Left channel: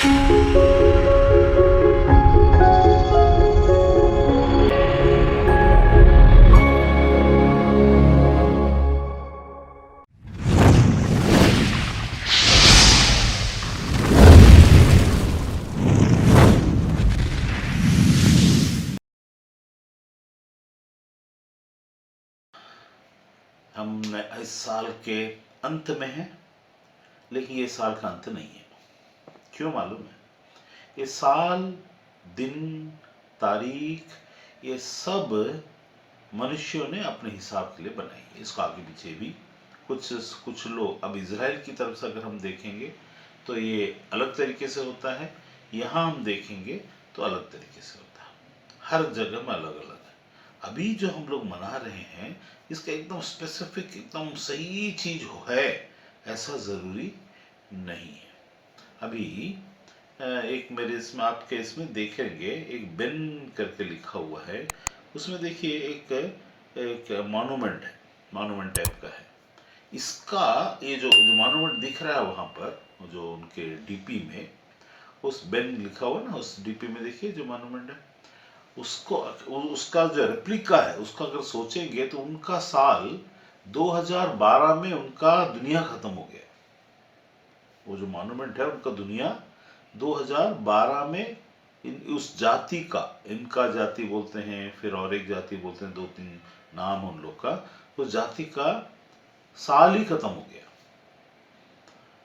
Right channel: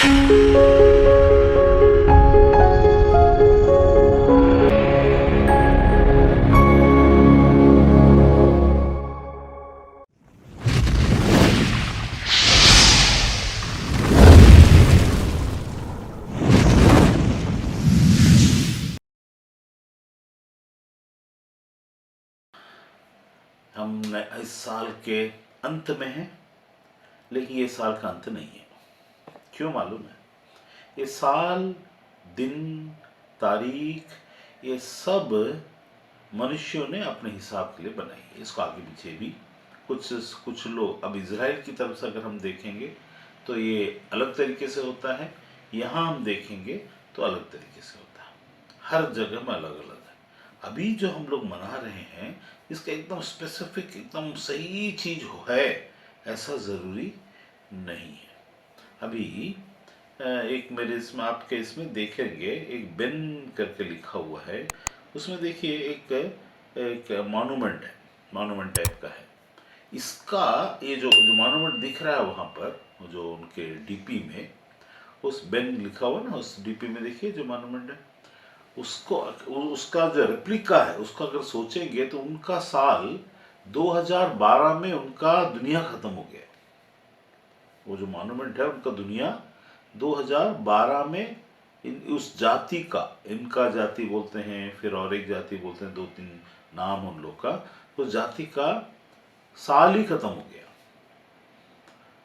हम इस साल के अंत में हैं, लेकिन ये साल का अंत नहीं है। क्यों मालूम है? ये साल, दिन, तारीख, ये सब मनुष्यों ने अपने हिसाब के लिए बनाई है। इसको आगे पीछे भी कुछ कुछ लोग, अब इजराइल की तरफ से अगर हम देखेंगे तो ये अलग तरीके से होता है, यहाँ हम देखेंगे तो अलग तरीके से होता है। हर जगह में अलग अलग है। अभी जो हम लोग मना रहे हैं, इसका एकदम स्पेसिफिक, एकदम सही चीज है ऐसा जरूरी नहीं है। अभी एक मेरे इसमें, आपके इसमें देखेंगे, एक बेन करके लिखा हुआ है, उसमें देखिए एक एक मॉन्यूमेंट है, मॉन्यूमेंट टाइप का है। इसका ये जो जो मॉन्यूमेंट दिख रहा है वहाँ पर, जो उनके डीपी में उस बेन लिखा हुआ ना, उस डीपी में देखिए जो मॉन्यूमेंट है, उसको, उसका जो रेप्लिका है उसका अगर सोचेंगे तो उनका साल 2012 में उनका दुनिया खत्म हो गया। वो जो मॉन्यूमेंट है उनका दुनिया 2012 में, उस जाति का, इनका जाति बोलते हैं, फिर और एक जाति बोलते हैं, दो तीन नाम उन लोग का, तो जाति का साल ही खत्म हो गया।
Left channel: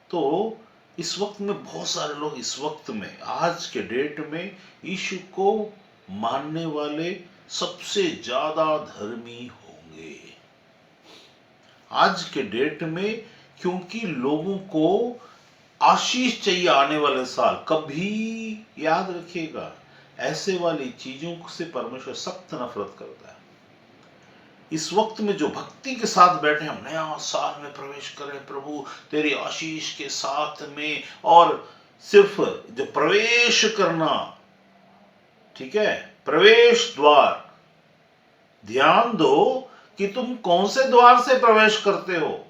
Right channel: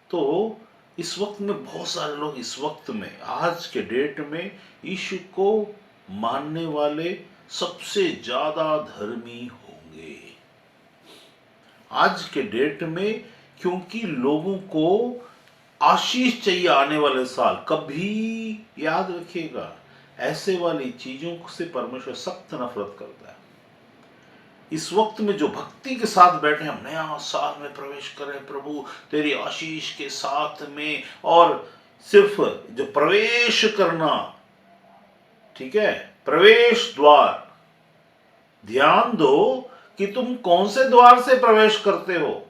तो इस वक्त में बहुत सारे लोग, इस वक्त में, आज के डेट में यीशु को मानने वाले सबसे ज्यादा धर्मी होंगे आज के डेट में, क्योंकि लोगों को आशीष चाहिए आने वाले साल। कभी याद रखिएगा, ऐसे वाली चीजों से परमेश्वर सख्त नफरत करता है। इस वक्त में जो भक्ति के साथ बैठे, हम नया साल में प्रवेश करें प्रभु तेरी आशीष के साथ में, और सिर्फ जो प्रवेश करना, ठीक है, प्रवेश द्वार, ध्यान दो कि तुम कौन से द्वार से प्रवेश करते हो।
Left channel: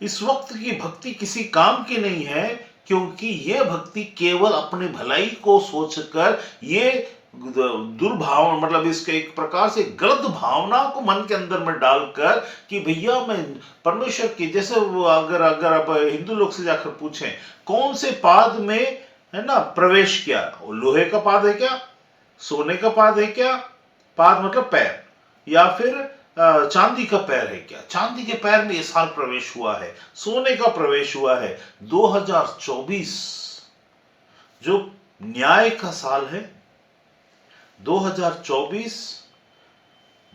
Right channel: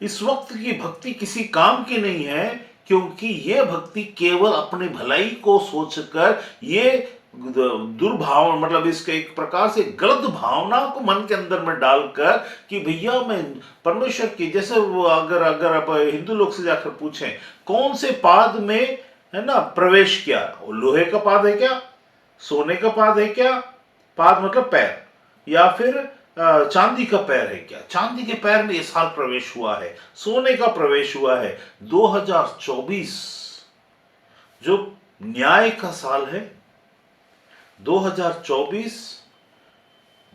इस वक्त की भक्ति किसी काम की नहीं है, क्योंकि यह भक्ति केवल अपनी भलाई को सोचकर, ये दुर्भावना, मतलब इसके एक प्रकार से गलत भावना को मन के अंदर में डालकर कि भैया मैं परमेश्वर की, जैसे वो अगर अगर आप हिंदू लोग से जाकर पूछें कौन से पाद में, है ना, प्रवेश किया, लोहे का पाद है क्या, सोने का पाद है क्या, पाद मतलब पैर, या फिर चांदी का पैर है क्या, चांदी के पैर में इस साल प्रवेश हुआ है, सोने का प्रवेश हुआ है। 2024 जो न्याय का साल है, 2024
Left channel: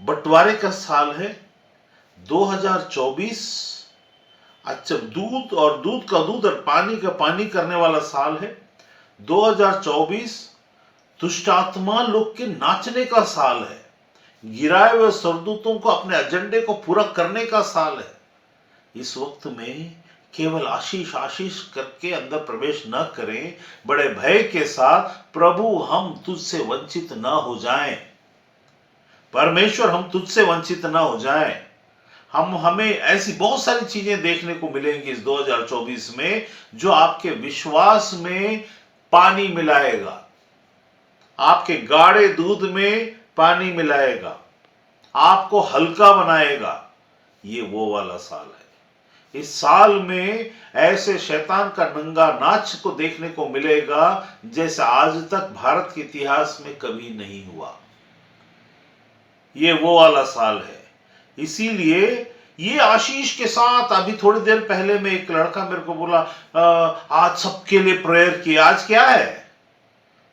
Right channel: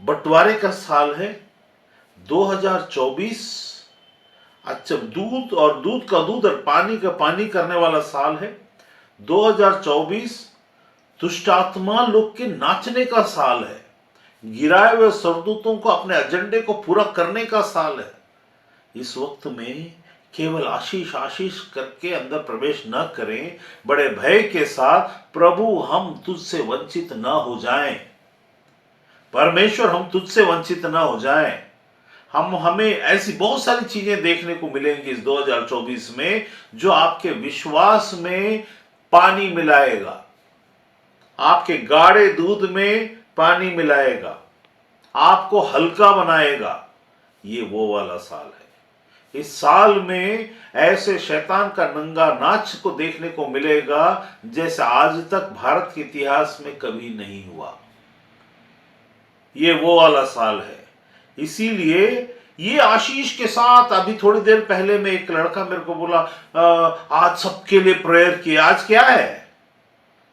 बंटवारे का साल है, 2024 अच्छा दूध और दूध का दूध और पानी का पानी करने वाला साल है। 2024 दुष्ट आत्मा लोग के नाचने का साल है, गिराए हुए सरदूतों को अपने एजेंडे को पूरा करने का साल है। इस वक्त में केवल आशीष आशीष करके अंदर प्रवेश न करें, बड़े भय के साथ, प्रभु हम तुझसे वंचित न हो जाएं, परमेश्वर हम तुझसे वंचित न हो जाएं। हमें ऐसी बहुत सारी चीजें देखने को मिलेंगी इस 2024 में, जो आपके विश्वास में पानी मिलाएगा, आपके गाढ़े दूध में पानी मिलाएगा, आपको हल्का बनाएगा। ये वो वाला साल है। इस साल में ऐसे शैतान का नंगा नाच को देखने को मिलेगा जैसे आज तक भारत के इतिहास में कभी नहीं हुआ। ये वो वाला साल है। इसीलिए ये आशीष के साथ, अभी थोड़ी देर पहले में एक लड़का मेरे को बोला, आज सबके लिए प्रेयर किए। आज क्या है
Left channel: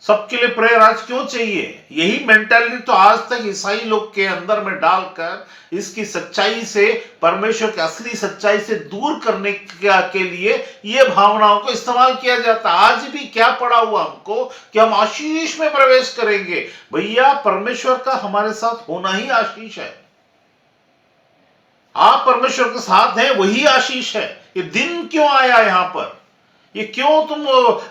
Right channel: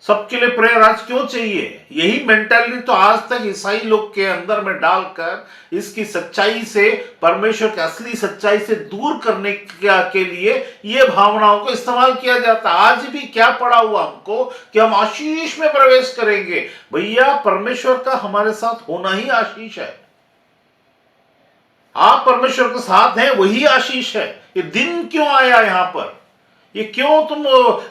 सबके लिए प्रेयर? आज क्यों चाहिए? यही मेंटालिटी तो आज तक ईसाई लोग के अंदर में डालकर इसकी सच्चाई से, परमेश्वर की असली सच्चाई से दूर करने के लिए ये भावनाओं को इस्तेमाल किया जाता है। आज भी क्या पड़ा हुआ हमको कि हम आशीष में प्रवेश करेंगे। भैया परमेश्वर का हमारे साथ होना ही आशीष है। आप परमेश्वर के साथ हैं, वही आशीष है। ये दिन क्यों आया यहां पर? ये क्यों तुम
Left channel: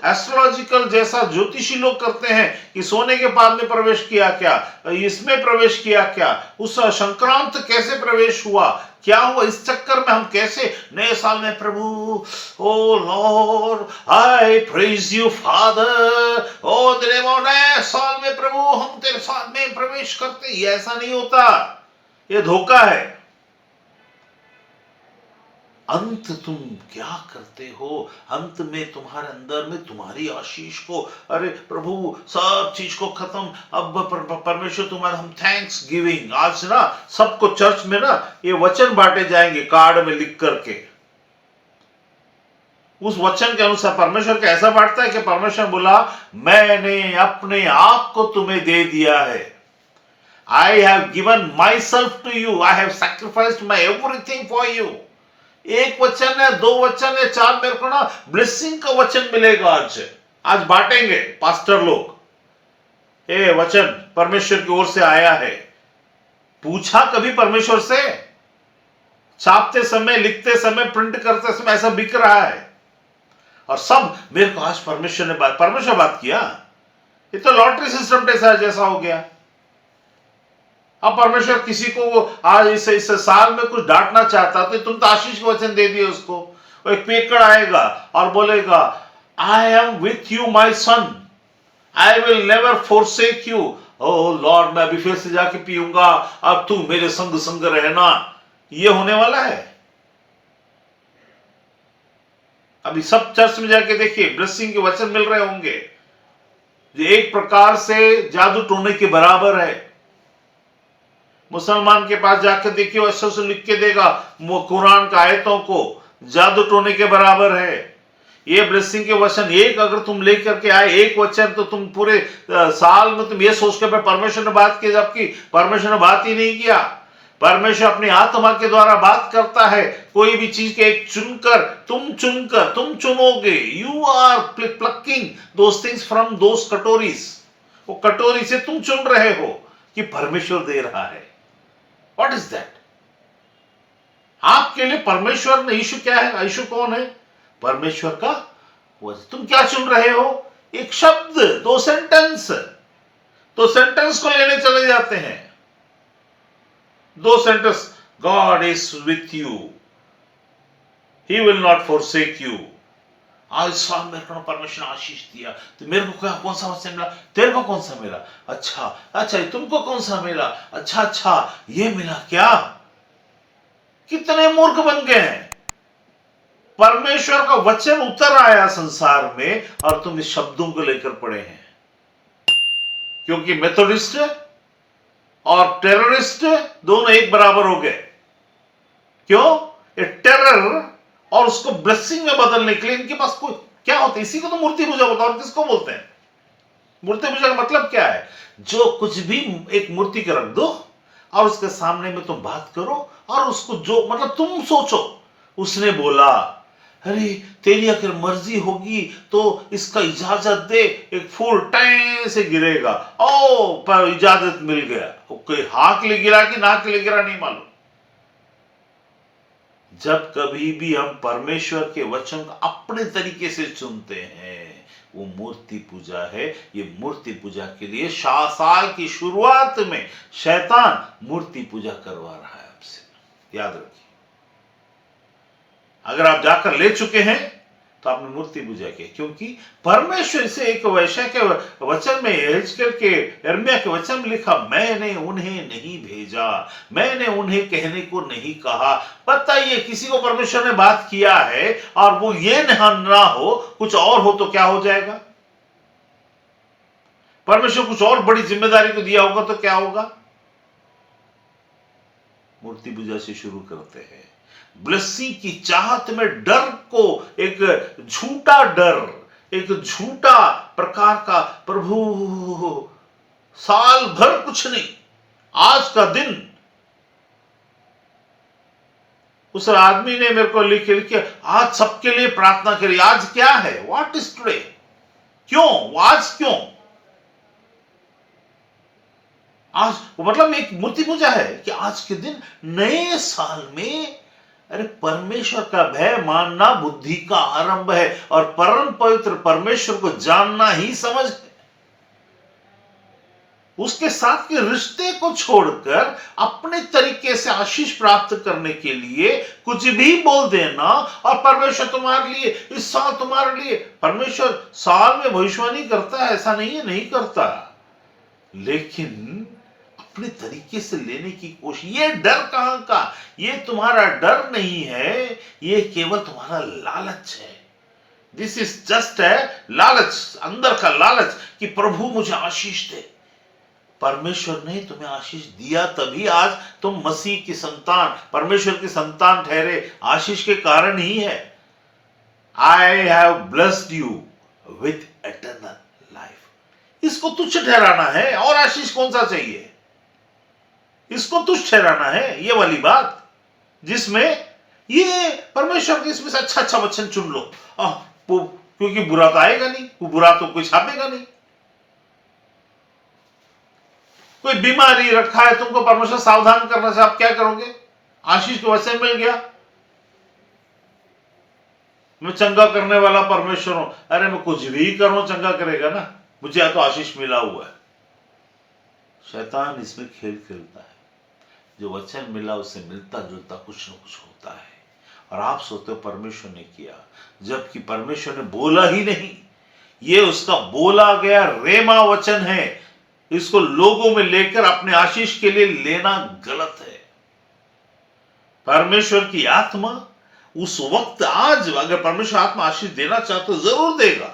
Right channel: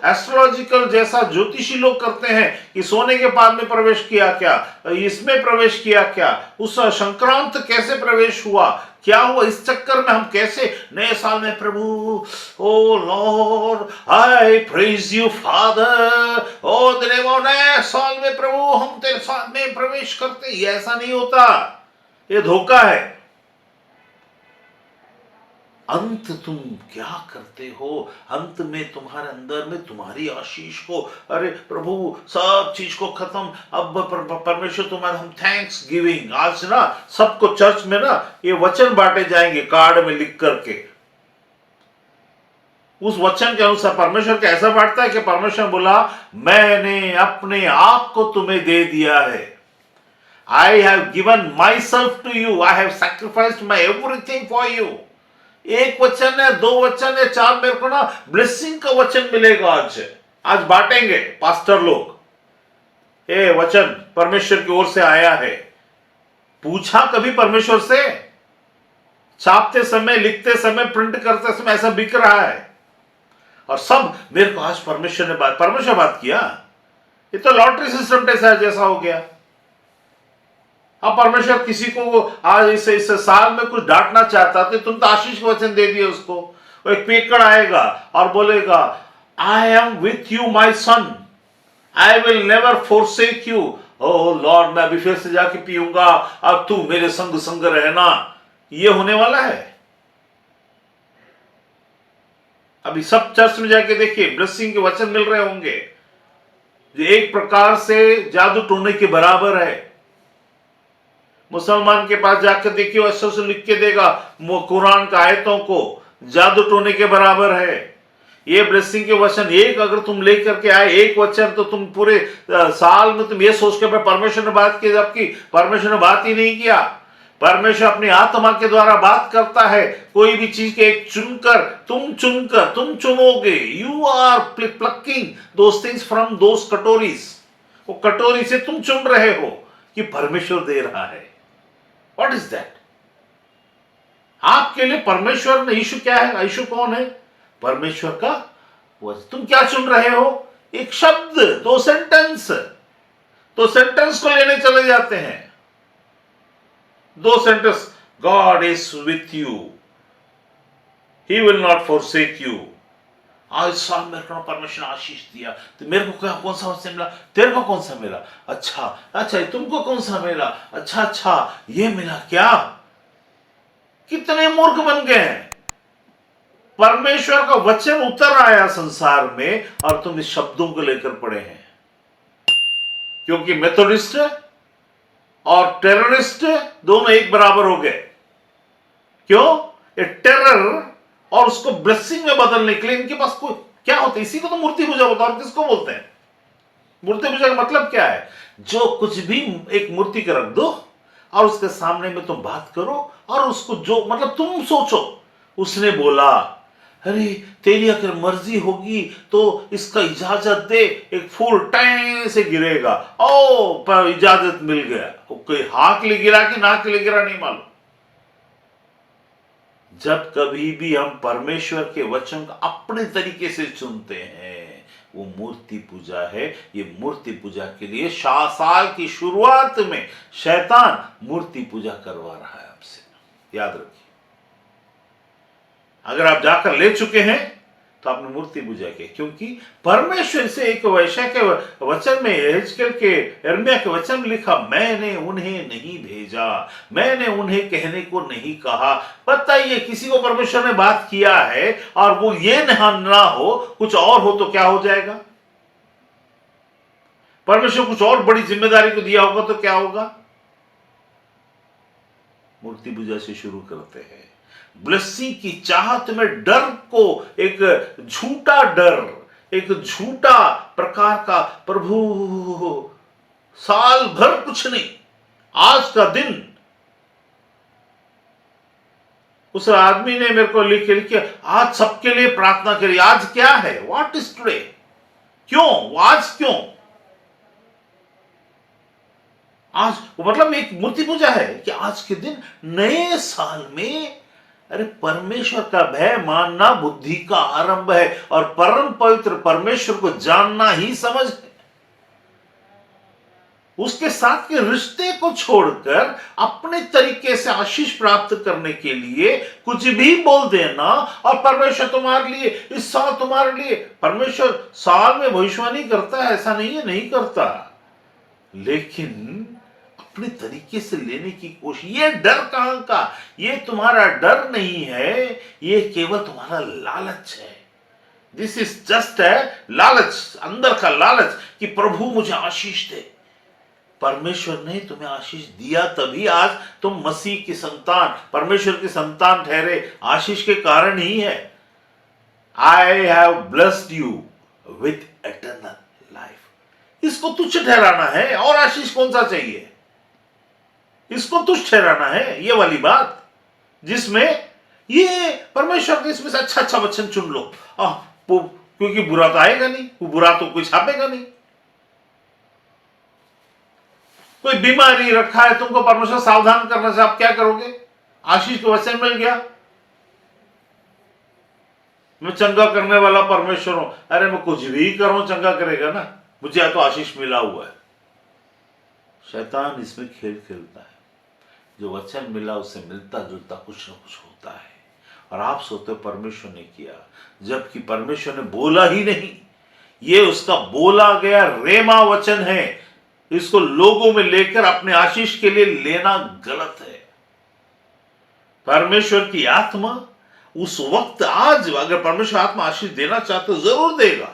एस्ट्रोलॉजिकल जैसा ज्योतिषी लोग करते हैं कि सोने के पाद में प्रवेश किया क्या, इसमें प्रवेश किया क्या, उस संक्रांत कैसे प्रवेश हुआ, क्या हुआ? इस चक्कर में हम कैसे नए साल में प्रभु, oh lord I praise you father, ओ तेरे वो नए साल में प्रभु हम तेरे साथ में प्रवेश करते, ये ऐसा नहीं होता, ये धोखा है। अंत तुम क्या करते हो? अंत में तुम्हारे अंदर में तुम्हारी आशीष को, अरे प्रभु सब चीज को खत्म, अब परमेश्वर तुम्हारा, हम थैंक्स गिविंग, आज ना सबको चर्च में ना ये वचन बांटे जाएंगे कार्ड में लिख करके। उस वचन के अनुसार परमेश्वर के ऐसा बांटता है कि परमेश्वर बोला मैंने अपने आप को तुम्हें दे दिया है, I have given myself to you, I have sacrificed my everything for you. एक वचन है, दो वचन है, चार, मेरे को ना ब्लेसिंग का वचन मिलेगा आज बांटेंगे पास्टर लोग। ये वचन परमेश्वर की ओर से आया है। पूछा कभी परमेश्वर से? छापते समय, लिखते समय, प्रिंट करते समय ऐसा बिक रहा है और सब मेरे को आज परमेश्वर ने बात किया। ये तो लॉटरी सिस्टम जैसा हो गया। अब परमेश्वर किसी को आज इस साल में कुछ डांटना चाहता तो तुम तो आशीष के वचन दे दिए उसको। वो एक पेकड़ आएगा और बोलेगा I am with you my son, I will never forsake you. O Lord मैं अभी फिर से जाके पीऊंगा, अब तू मेरे संग संग रहना। ये होने वाला है। अभी सब चर्च में जाके देखिए ब्लेसिंग के वचन मिल रहे होंगे, ये एक प्रकार से जादू टोने के बराबर है। मुसलमान के पास जाकर देखिए ऐसे से लिख के देगा कुरान का आयतों को, जादू टोने के बराबर है। ये ब्लेसिंग के वचन एक अगर तुम लेकर के आए, एक वचन, तो तुम पूरे साल में तुम ये सोच के परमेश्वर ने बात की, जबकि परमेश्वर ने बात ही नहीं किया। परमेश्वर अपनी आत्मा के द्वारा बात करता है। कोई भी चीज के एक चुनकर तुम चुनोगे। You are plucking those things from those कटोरीज। वो कटोरी से तुम चुन रहे हो कि परमेश्वर दे रहा है। What is that? आपके लिए परमेश्वर ने, यीशु क्या है? यीशु कौन है? परमेश्वर का वचन। तुम क्या चुन रहे हो? एक शब्द, दो सेंटेंस। तो सेंटेंस को लेने चले जाते हैं। दो sentence, God is with you, he will not forsake you. आज साल मेरे को परमेश्वर ने आशीष दिया, तो मेरे को क्या, कौन सा वचन मिला? तेरे को कौन सा मिला? अच्छा तुमको कौन सा मिला? अच्छा ये मिला क्या? कितने मूर्ख बन गए हैं। परमेश्वर का वचन उतर आया संसार में और तुम इस शब्दों को लेकर पड़े हैं। क्योंकि मेथोडिस्ट और टेररिस्ट दोनों एक बराबर हो गए। क्यों? ये टेरर और उसको ब्लेसिंग में बदलने के लिए इनके पास कोई क्या होता है? इसी को तो मूर्ति पूजा होता है। और किसको बोलते हैं? मूर्ति पूजा का मतलब क्या है? जो कुछ भी एक मूर्ति के रख दो और उसके सामने में तुम बात करो और उसको जो मतलब तुम सोचो, उसने बोला अरे तेरी अगर मर्जी होगी तो इसका इजाजत दे, एक फूल टाइम से गिरेगा। ओ पर इजाजत मिल गया। कोई हाँ के लिए गिरा कि ना के लिए गिरा नहीं मालूम। जब कभी भी हम परमेश्वर के वचन को अपने तरीके से चुनते हैं, वो मूर्ति पूजा है। ये मूर्ति पूजा के लिए साल की शुरुआत में शैतान मूर्ति पूजा करवा रहा है आपसे। याद रखिए, अगर आप जाकर ले चुके हैं तो आपने मूर्ति पूजा की, क्योंकि परमेश्वर से एक वैश्य के वचन में, यिर्मयाह के यिर्मयाह के वचन में लिखा, मैंने उन्हें नहीं भेजा, मैंने उन्हें कहने को नहीं कहा। बताइए, किसी को परमेश्वर ने बात किया है और वो ये ना हो, कुछ और हो तो क्या हो जाएगा? परमेश्वर कुछ और बड़ी जिम्मेदारी को दिया होगा तो क्या होगा? मूर्ति पूजा से शुरू करते हैं। ब्लेसिंग की चाहत में डर को, एक झूठा डर, एक झूठा प्रकार का, प्रभु साल भर कुछ नहीं, आज का दिन। उस आदमी ने मेरे को लिख आज सबके लिए प्रार्थना करी। आज क्या है? What is today? क्यों आज? क्यों आज? वो मतलब एक मूर्ति पूजा है कि आज के दिन, नए साल में, अरे परमेश्वर का भय मानना बुद्धि का आरंभ है और परम पवित्र परमेश्वर को जानना ही समझ है। उसके साथ के रिश्ते को छोड़कर अपने तरीके से आशीष प्राप्त करने के लिए कुछ भी बोल देना, और परमेश्वर तुम्हारे लिए, इस साल तुम्हारे लिए, परमेश्वर साल में भविष्यवाणी करता है ऐसा नहीं है, नहीं करता, लेकिन अपने तरीके से लेने की कोशिश। ये डर कहां का? ये तुम्हारा डर नहीं है, ये केवल तुम्हारा लालच है। दिस इज जस्ट है लालच, अंदर का लालच कि प्रभु मुझे आशीष दे। परमेश्वर ने तुम्हें आशीष दिया, तभी आज तुम मसीह की संतान, परमेश्वर की संतान ठहरे, आशीष के कारण ही है। I have blessed you with eternal life. इसको तुच्छ ठहराना है, और आशीष कौन सा चाहिए? इसको तुच्छ ठहराना है, ये वाली बात जिसमें ये परमेश्वर के इसमें से अच्छा अच्छा वचन चुन लो, क्योंकि बुरा तो आएगा नहीं, बुरा तो कोई छापेगा नहीं। कोई बीमारी रखा है, तुमको परमेश्वर सावधान करना से आप क्या करोगे? आशीष के वचन मिल गया, मैं चंगा करने वाला परमेश्वर हूं। अरे मैं कुछ भी करूं, चंगा करेगा ना, मुझे तो आशीष मिला हुआ है। शैतान इसमें खेल खेलता है। जो वचन मिला उससे मिलता जुलता कुछ न कुछ होता है, और आप सोचते हो परमेश्वर ने किया, जबकि परमेश्वर ने बोला ही नहीं। ये उसका बोला गया रेमा वचन है। इसको लोगों में लेकर अपने आशीष के लिए लेना गलत है। परमेश्वर की आत्मा उस वक्त, आज अगर परमेश्वर आत्मा आशीष देना चाहते तो जरूर देगा,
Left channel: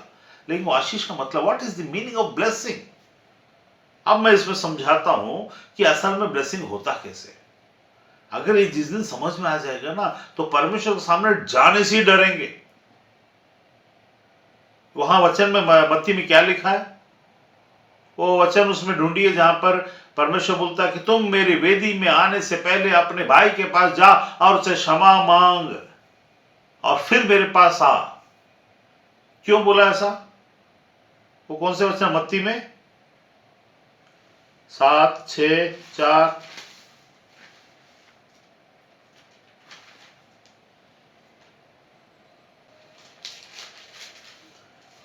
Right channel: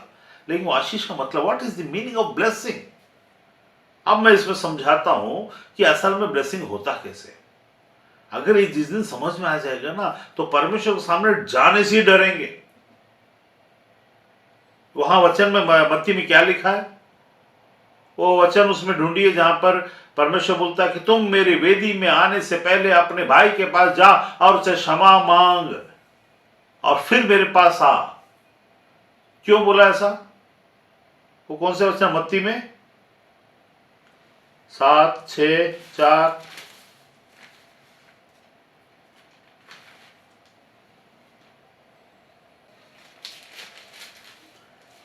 लेकिन वो आशीष का मतलब, what is the meaning of blessing? अब मैं इसमें समझाता हूं कि असल में ब्लेसिंग होता कैसे। अगर ये जिस दिन समझ में आ जाएगा ना, तो परमेश्वर के सामने जाने से ही डरेंगे। वहां वचन में, मत्ती में क्या लिखा है? वो वचन उसमें ढूंढिए जहां पर परमेश्वर बोलता है कि तुम मेरी वेदी में आने से पहले अपने भाई के पास जा और उसे क्षमा मांग, और फिर मेरे पास आ। क्यों बोला ऐसा? वो कौन से वचन? मत्ती में 7:6-4।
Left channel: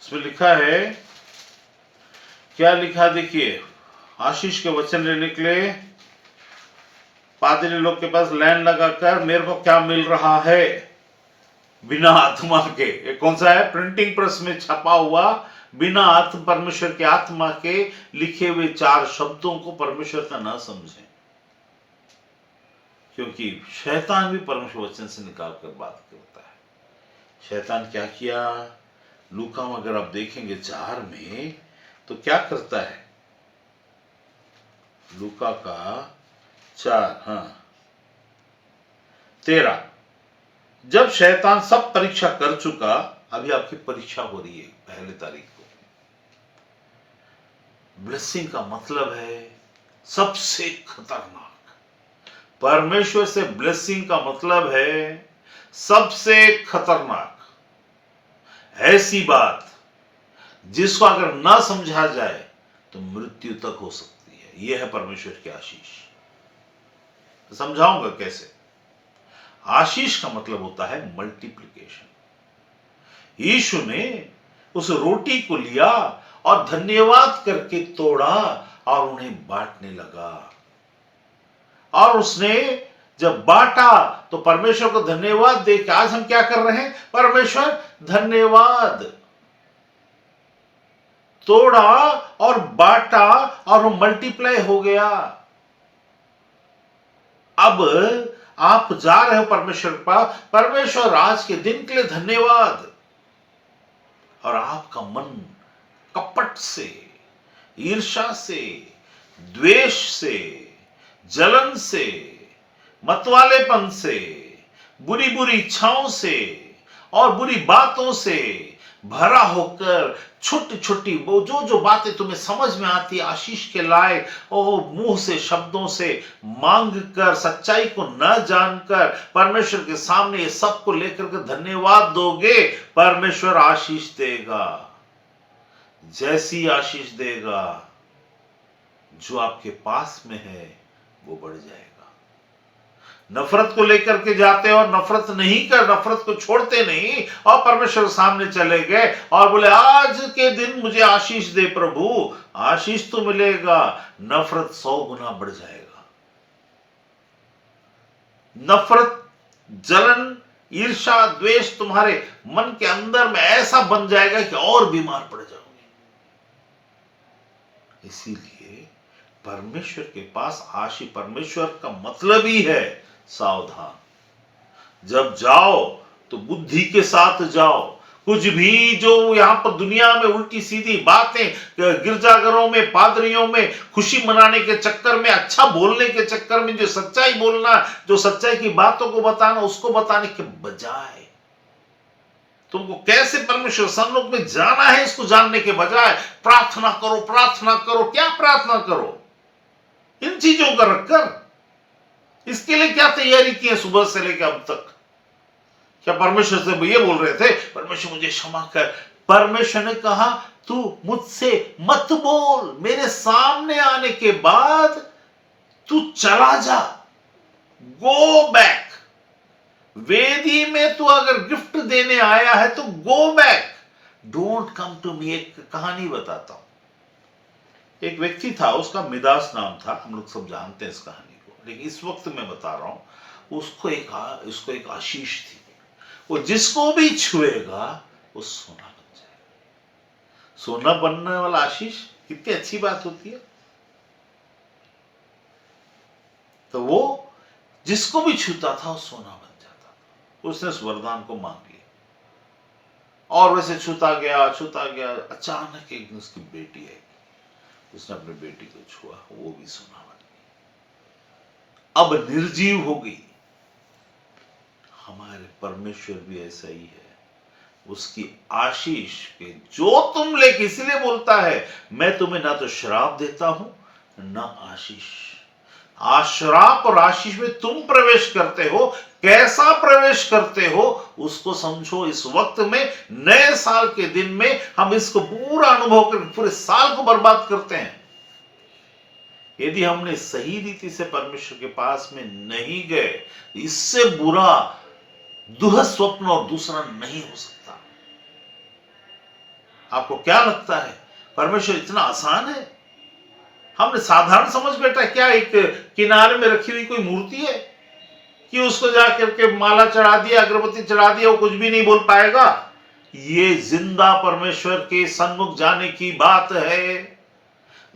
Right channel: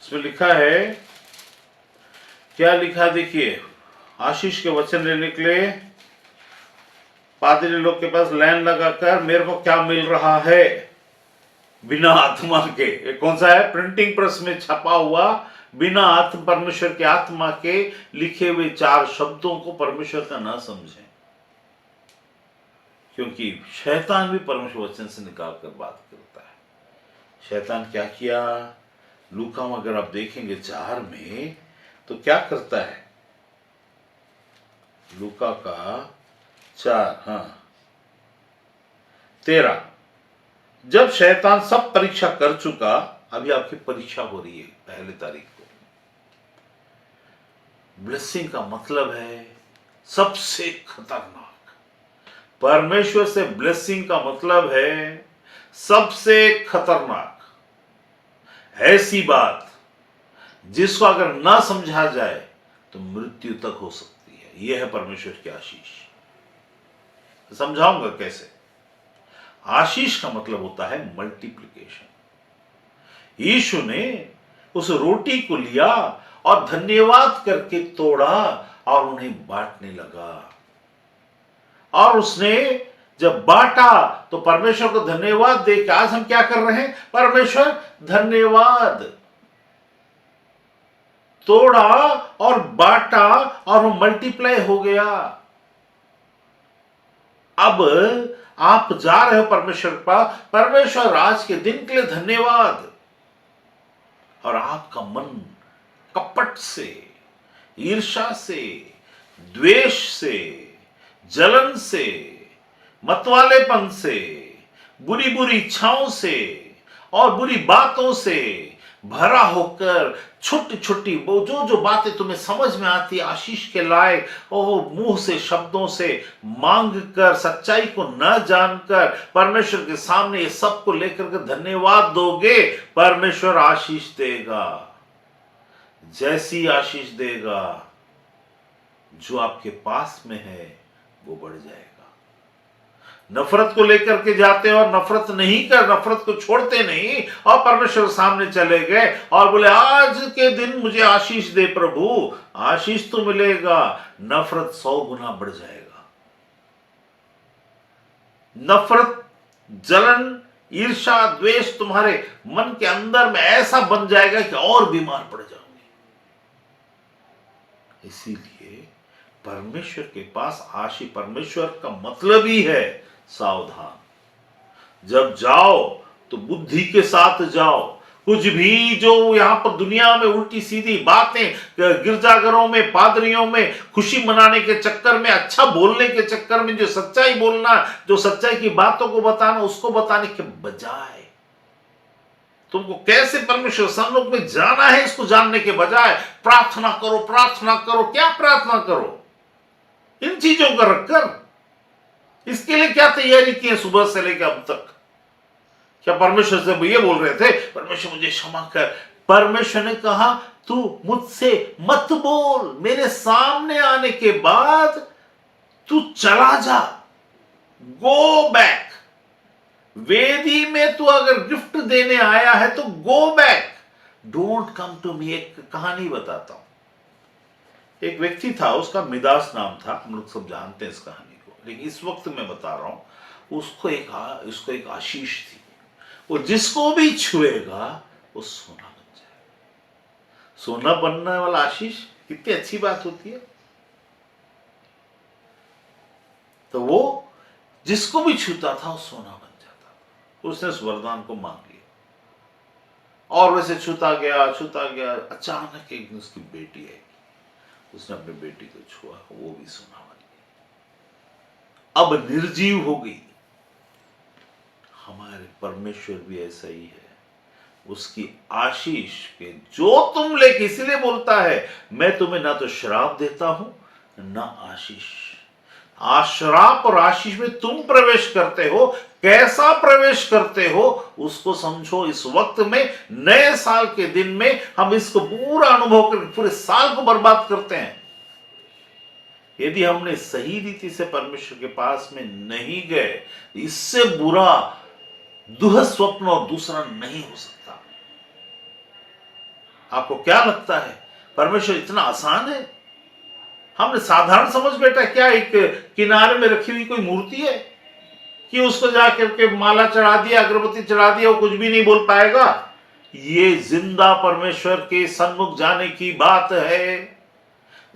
उसमें लिखा है, क्या लिखा? देखिए, आशीष के वचन लेने के लिए पादरी लोग के पास लाइन लगाकर मेरे को क्या मिल रहा है बिना आत्मा के। ये कौन सा है? प्रिंटिंग प्रेस में छपा हुआ, बिना आत्म, परमेश्वर के आत्मा के लिखे हुए 4 शब्दों को परमेश्वर का ना समझें, क्योंकि शैतान भी परमेश्वर वचन से निकाल कर बात करता है। शैतान क्या किया? लूका में अगर आप देखेंगे 4 में, तो क्या करता है? लूका का 4, 13। जब शैतान सब परीक्षा कर चुका, अभी आपकी परीक्षा हो रही है 1 तारीख को। ब्लेसिंग का मतलब है सबसे खतरनाक। परमेश्वर से ब्लेसिंग का मतलब है सबसे खतरनाक, ऐसी बात जिसको अगर ना समझा जाए तो मृत्यु तक हो सकती है। यह है परमेश्वर की आशीष। समझाऊंगा कैसे। आशीष का मतलब होता है मल्टीप्लिकेशन। यीशु ने उस रोटी को लिया और धन्यवाद करके तोड़ा और उन्हें बांटने लगा, और उसने जब बांटा तो परमेश्वर को धन्यवाद देकर, आज हम क्या कर रहे हैं? परमेश्वर धन्यवाद। तोड़ा और बांटा और वो मल्टीप्लाई हो गया। अब आप जा रहे हो परमेश्वर के पास, परमेश्वर आज के दिन के लिए धन्यवाद, और आपका मन कपट से, ईर्ष्या से, द्वेष से, जलन से, मतवालेपन से, बुरी बुरी इच्छाओं से और बुरी बातों से भरा होकर, छोटी छोटी वो जो बातें तुम्हें समझ में आती आशीष के लायक, मुंह से, शब्दों से मांग कर, सच्चाई को न जानकर परमेश्वर के सामने ये सब को लेकर के धन्यवाद दोगे, परमेश्वर आशीष देगा। जैसी आशीष देगा, जो आपके पास में है वो बढ़ जाएगा। नफरत को लेकर के जाते और नफरत को छोड़ते नहीं, और परमेश्वर के सामने चले गए और बोले आज के दिन मुझे आशीष दे प्रभु। आशीष तो मिलेगा, नफरत 100 गुना बढ़ जाएगा। नफरत, जलन, ईर्ष्या, द्वेष तुम्हारे मन के अंदर में ऐसा बन जाएगा कि और बीमार पड़ जाओगे। इसीलिए परमेश्वर के पास आशीष, परमेश्वर का मतलब ही है सावधान। जब जाओ तो बुद्धि के साथ जाओ। कुछ भी जो यहां पर दुनिया में उल्टी सीधी बातें, गिरजाघरों में, पादरियों में खुशी मनाने के चक्कर में, अच्छा बोलने के चक्कर में, जो सच्चाई बोलना, जो सच्चाई की बातों को बताना, उसको बताने के बजाय तुमको कैसे परमेश्वर सन्मुख में जाना है इसको जानने के बजाय प्रार्थना करो, प्रार्थना करो। क्या प्रार्थना करो? इन चीजों का रखकर इसके लिए क्या तैयारी की है सुबह से लेकर अब तक? क्या परमेश्वर से ये बोल रहे थे परमेश्वर मुझे क्षमा कर? परमेश्वर ने कहा तू मुझसे मत बोल, मेरे सामने आने के बाद तू चला जा, गो बैक। वेदी में तू अगर गिफ्ट देने आया है तो go back, don't come to me. एक कहानी बताता हूं। एक व्यक्ति था, उसका मिदास नाम था, हम लोग सब जानते हैं इस कहानी को, लेकिन इस वक्त मैं बता रहा हूं। उसको एक आशीष थी, वो जिसको भी छुएगा वो सोना बन जाएगा। सोना बनने वाला आशीष कितनी अच्छी बात होती है। तो वो जिसको भी छूता था वो सोना बन जाता था। उसने उस वरदान को मांग लिया और वैसे छूता गया। अचानक एक दिन उसकी बेटी आई, उसने अपनी बेटी को छुआ, वो भी सोना बन गई, अब निर्जीव हो गई। हमारे परमेश्वर भी ऐसा ही है। उसकी आशीष के जो तुम लेके, इसलिए बोलता है मैं तुम्हें ना तो श्राप देता हूं ना आशीष। श्राप और आशीष में तुम प्रवेश करते हो। कैसा प्रवेश करते हो उसको समझो। इस वक्त में, नए साल के दिन में हम इसको पूरा अनुभव करके पूरे साल को बर्बाद करते हैं। यदि हमने सही रीति से परमेश्वर के पास में नहीं गए, इससे बुरा दुःस्वप्न और दूसरा नहीं हो सकता। आपको क्या लगता है परमेश्वर इतना आसान है? हमने साधारण समझ बैठा क्या एक किनारे में रखी हुई कोई मूर्ति है कि उसको जाकर के माला चढ़ा दिया, अगरबत्ती चढ़ा दिया, वो कुछ भी नहीं बोल पाएगा? ये जिंदा परमेश्वर के सन्मुख जाने की बात है।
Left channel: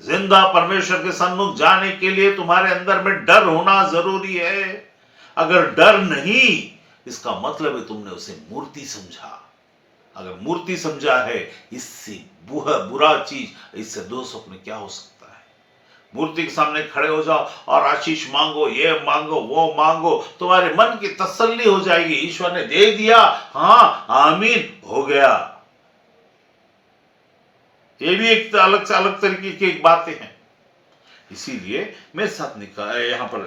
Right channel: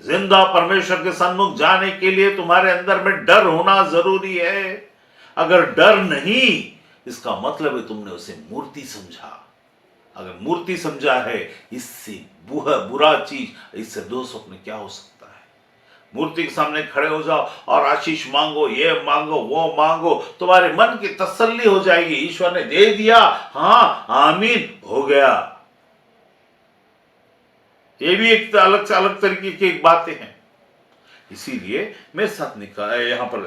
जिंदा परमेश्वर के सन्मुख जाने के लिए तुम्हारे अंदर में डर होना जरूरी है। अगर डर नहीं, इसका मतलब है तुमने उसे मूर्ति समझा। अगर मूर्ति समझा है, इससे बुरा चीज, इससे दुःस्वप्न क्या हो सकता है? मूर्ति के सामने खड़े हो जाओ और आशीष मांगो, ये मांगो, वो मांगो, तुम्हारे मन की तसल्ली हो जाएगी। ईश्वर ने दे दिया, हाँ आमीन, हो गया। ये भी एक अलग से अलग तरीके की एक बातें हैं। इसीलिए मेरे साथ निकाल यहां पर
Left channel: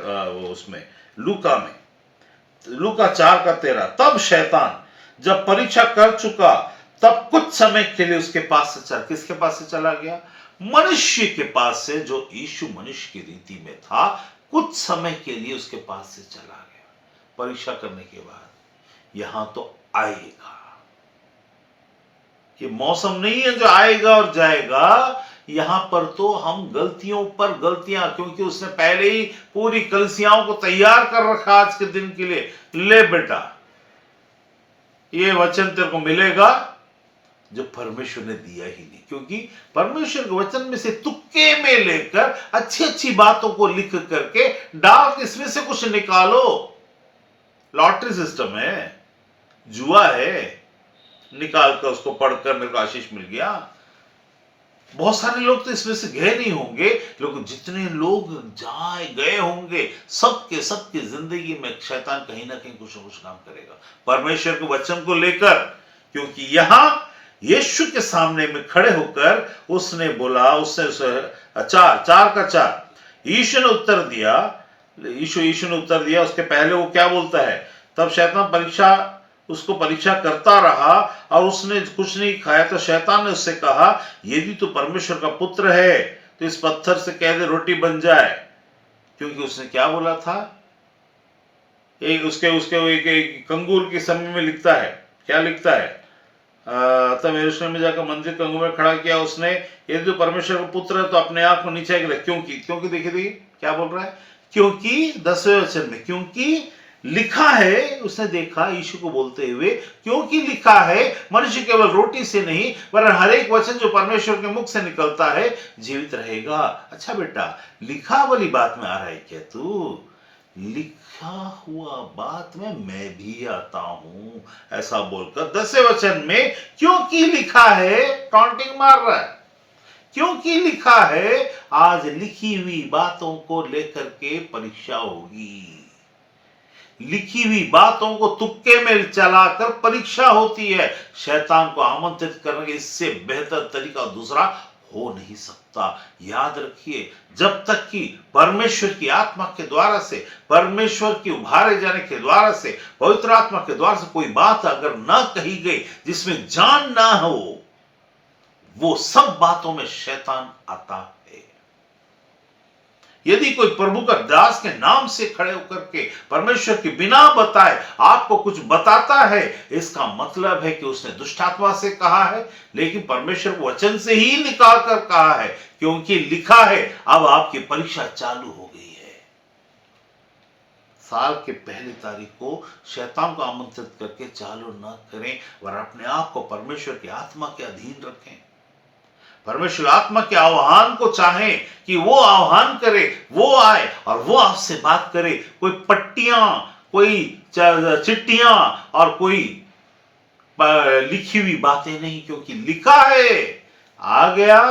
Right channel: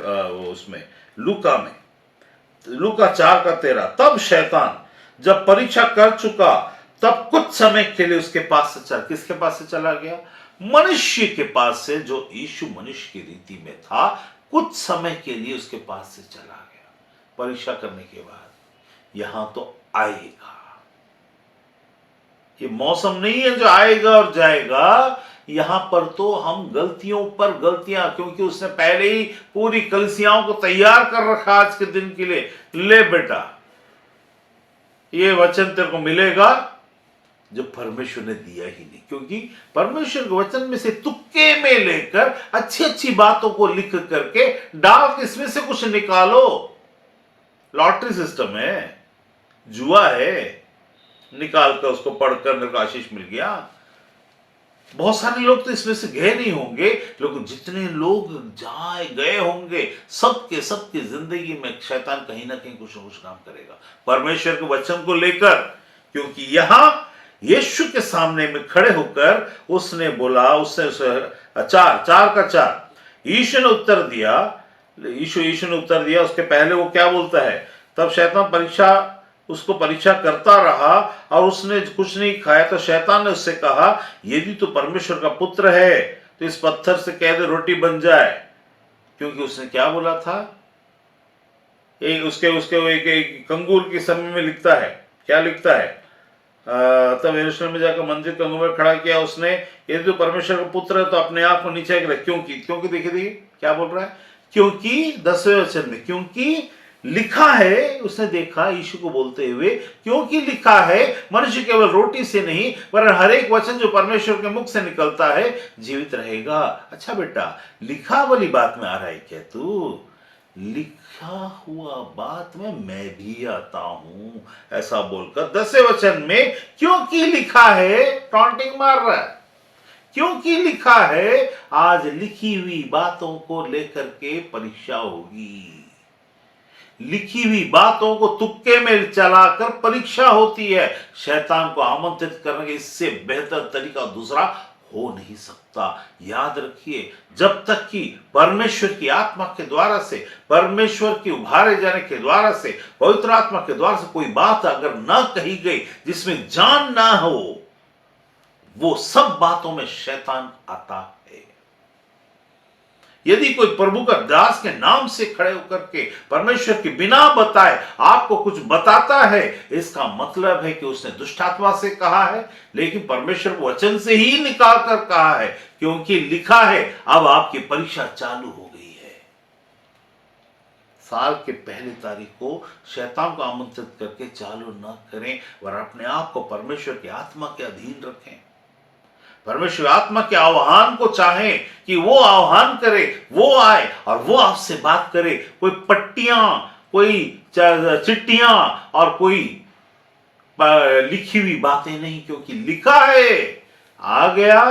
उसमें लूका 4:13, तब शैतान जब परीक्षा कर चुका तब कुछ समय के लिए उसके पास से चला। किसके पास से चला गया? मनुष्य के पास से, जो यीशु मनुष्य की रीति में था। कुछ समय के लिए उसके पास से चला गया परीक्षा करने के बाद। यहां तो आएगा, ये मौसम नहीं है जो आएगा और जाएगा। यहां पर तो हम गलतियों पर गलतियां, क्योंकि उसने पहले ही पूरी कलीसियाओं को तैयार कर रखा आज के दिन के लिए। ले बेटा, ये वचन तेरे को मिलेगा जो परमेश्वर ने दिया ही नहीं, क्योंकि परमेश्वर के वचन में से तुक्के में लेकर अच्छी अच्छी बातों को लिख करके डाल के इसमें से कुछ निकालो। लॉटरी सिस्टम है, जुआ है। निकाल कर उसको पढ़कर मेरे को आशीष मिल गया। बहुत सारे लोग तो इसमें से गए नहीं होंगे, लेकिन जितने लोग गए होंगे, सबके जिंदगी में शैतान कहीं ना कहीं कुछ ना कुछ काम करेगा परमेश्वर के वचन को लेकर। क्योंकि यहां यीशु के सामने में खड़े होकर उसने बोला, उसने 4:4 यीशु ने उत्तर दिया। उसके पहले वो क्या बोलता है? तब शैतान उसको परीक्षा करता रहा और उसने कुछ नहीं खाया। तो शैतान ने उससे कहा, यदि तू परमेश्वर का पुत्र है तो इस पत्थर से कह दे रोटी बन जाए। क्योंकि उसने क्या बोला था? एक उसके उसके एक कंगूर के समय में लिखता है, क्या लिखता है? तब यरूशलेम में जाकर मंदिर कंगूर में खड़ा किया उसने, यदि तो परमेश्वर का पुत्र है तो अपने आप को नीचे गिरा। क्योंकि, क्योंकि देखिए क्या बोल रहा है? क्योंकि 10वें वचन में, क्योंकि लिखा है, उसने देखा यीशु को बोलते हुए, क्योंकि लिखा है मनुष्य केवल रोटी से नहीं वरन हर एक वचन जो परमेश्वर के मुख से निकलता है जीवित रहेगा। अच्छा बेटा, लिखा वाली बात में आ रहा है क्या तू? लिखा हुआ बात में मैं भी आता हूं, ऐसा बोलकर 10वें वचन में क्योंकि लिखा है टॉन्टिंग मार रहा है। क्योंकि लिखा है, आज लिखी हुई बातों को लेकर के परीक्षा होगी। लिखी हुई बातों को तुक्के में चलाकर परीक्षा होती है। शैतान को आमंत्रित करने के इससे बेहतर तरीका दूसरा हो नहीं सकता। याद रखिए, जब तक कि परमेश्वर की आत्मा के द्वारा से, परमेश्वर की उभारे जाने के द्वारा से, पवित्र आत्मा के द्वारा से कोई बात अगर ना कही गई जिसमें जान ना हो, वो सब बातों में शैतान आता है। यदि कोई प्रभु का दास के नाम से खड़े होकर के परमेश्वर के बिना बताए आपको कुछ बताता है, इसका मतलब है कि उसने दुष्टात्मा से कहा है, लेकिन परमेश्वर को वचन से ही निकाल कर कहा है, क्योंकि लिखा है। अब आपकी परीक्षा चालू हो गई है। साल के पहली तारीख को शैतान को आमंत्रित करके चालू न करें, और अपने आप को परमेश्वर की आत्मा के अधीन रखें। परमेश्वर आत्मा के आह्वान को चाहें कि वो आह्वान करे, वो आए और वो आपसे बात करे। कोई पट्टियां, कोई चिट्ठियां और कोई लिखी हुई बातें नहीं, क्योंकि लिखा है। आ गया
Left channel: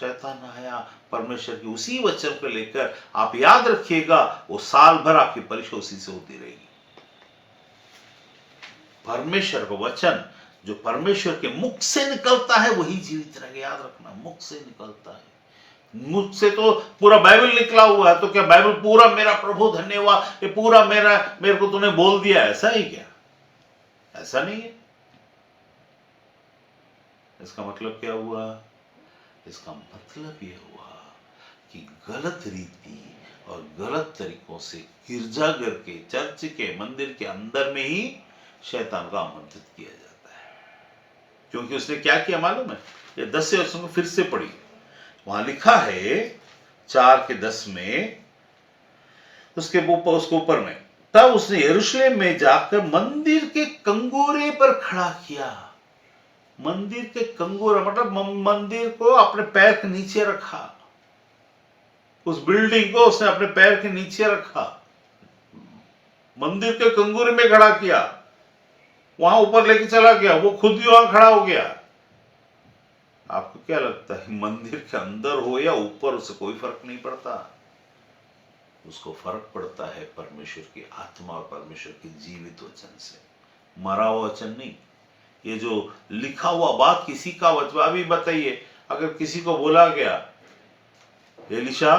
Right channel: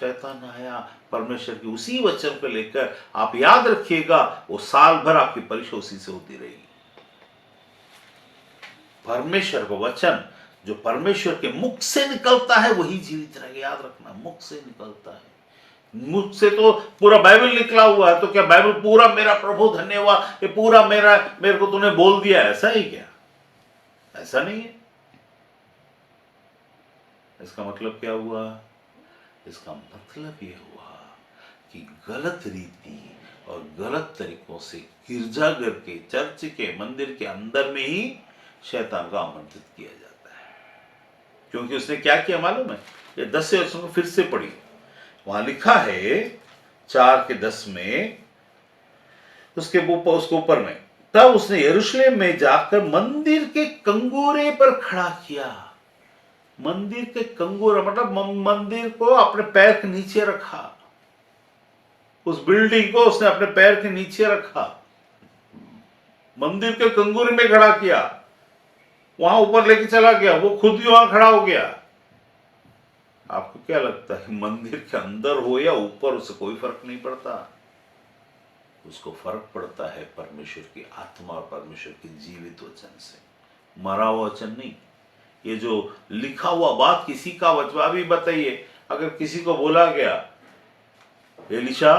शैतान, आया। परमेश्वर की उसी वचन को लेकर आप याद रखिएगा, वो साल भर आपकी परीक्षा उसी से होती रहेगी। परमेश्वर का वचन जो परमेश्वर के मुख से निकलता है वही जीवित रहेगा। याद रखना, मुख से निकलता है। मुख से तो पूरा बाइबल निकला हुआ है, तो क्या बाइबल पूरा मेरा प्रभु धन्यवाद, ये पूरा मेरे को तूने बोल दिया, ऐसा ही क्या? ऐसा नहीं है। इसका मतलब क्या हुआ? इसका मतलब यह हुआ कि गलत रीति और गलत तरीकों से गिरजाघर के, चर्च के, मंदिर के अंदर में ही शैतान को आमंत्रित किया जाता है। क्योंकि उसने क्या किया मालूम है? ये 10 वर्षों को फिर से पढ़ी, वहां लिखा है 4:10 में, उसके ऊपर में, तब उसने यरूशलेम में जाकर मंदिर के कंगोरे पर खड़ा किया। मंदिर के कंगोरे मतलब मंदिर को अपने पैर के नीचे रखा। उस बिल्डिंग को उसने अपने पैर के नीचे रखा, मंदिर के कंगोरे में खड़ा किया, वहां ऊपर लेके चला गया, वो खुद भी वहां खड़ा हो गया। आपको क्या लगता है, मंदिर के अंदर हो या ऊपर, उससे कोई फर्क नहीं पड़ता। उसको फर्क पड़ता है परमेश्वर की आत्मा और परमेश्वर के जीवित वचन से, मरा हुआ वचन नहीं। ये जो लिखा हुआ बात किसी का वचन, अभी बताइए, अगर किसी को बोला गया एलिशा,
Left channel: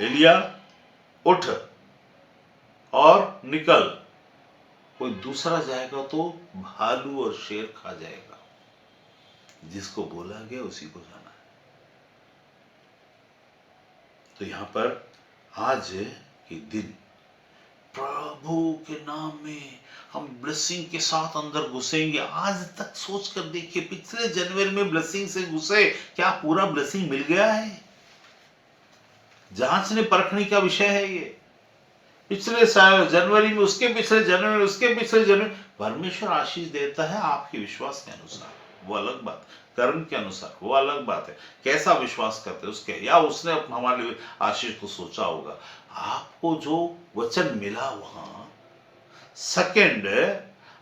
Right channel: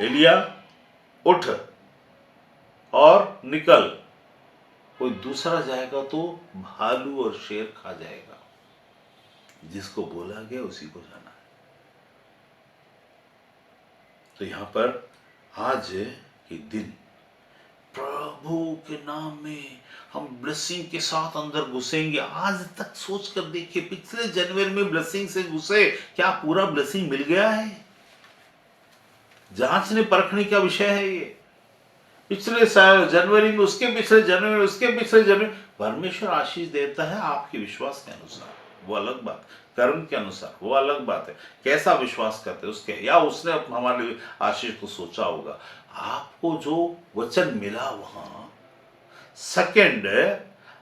एलिया उठ और निकल, कोई दूसरा जाएगा तो भालू और शेर खा जाएगा। जिसको बोला गया उसी को जाना है। तो यहां पर आज के दिन प्रभु के नाम में हम ब्लेसिंग के साथ अंदर घुसेंगे। आज तक सोच कर देखिए, पिछले जनवरी में ब्लेसिंग से घुसे, क्या पूरा ब्लेसिंग मिल गया है? जांचने परखने का विषय है ये। पिछले जनवरी में, उसके पिछले जनवरी में, उसके पिछले जनवरी, परमेश्वर आशीष देता है आपके विश्वास के अनुसार, वो अलग बात। कर्म के अनुसार वो अलग बात है, कैसा विश्वास करते उसके, या उसने हमारे लिए आशीष को सोचा होगा। आपको जो वचन मिला वहां, सेकंड,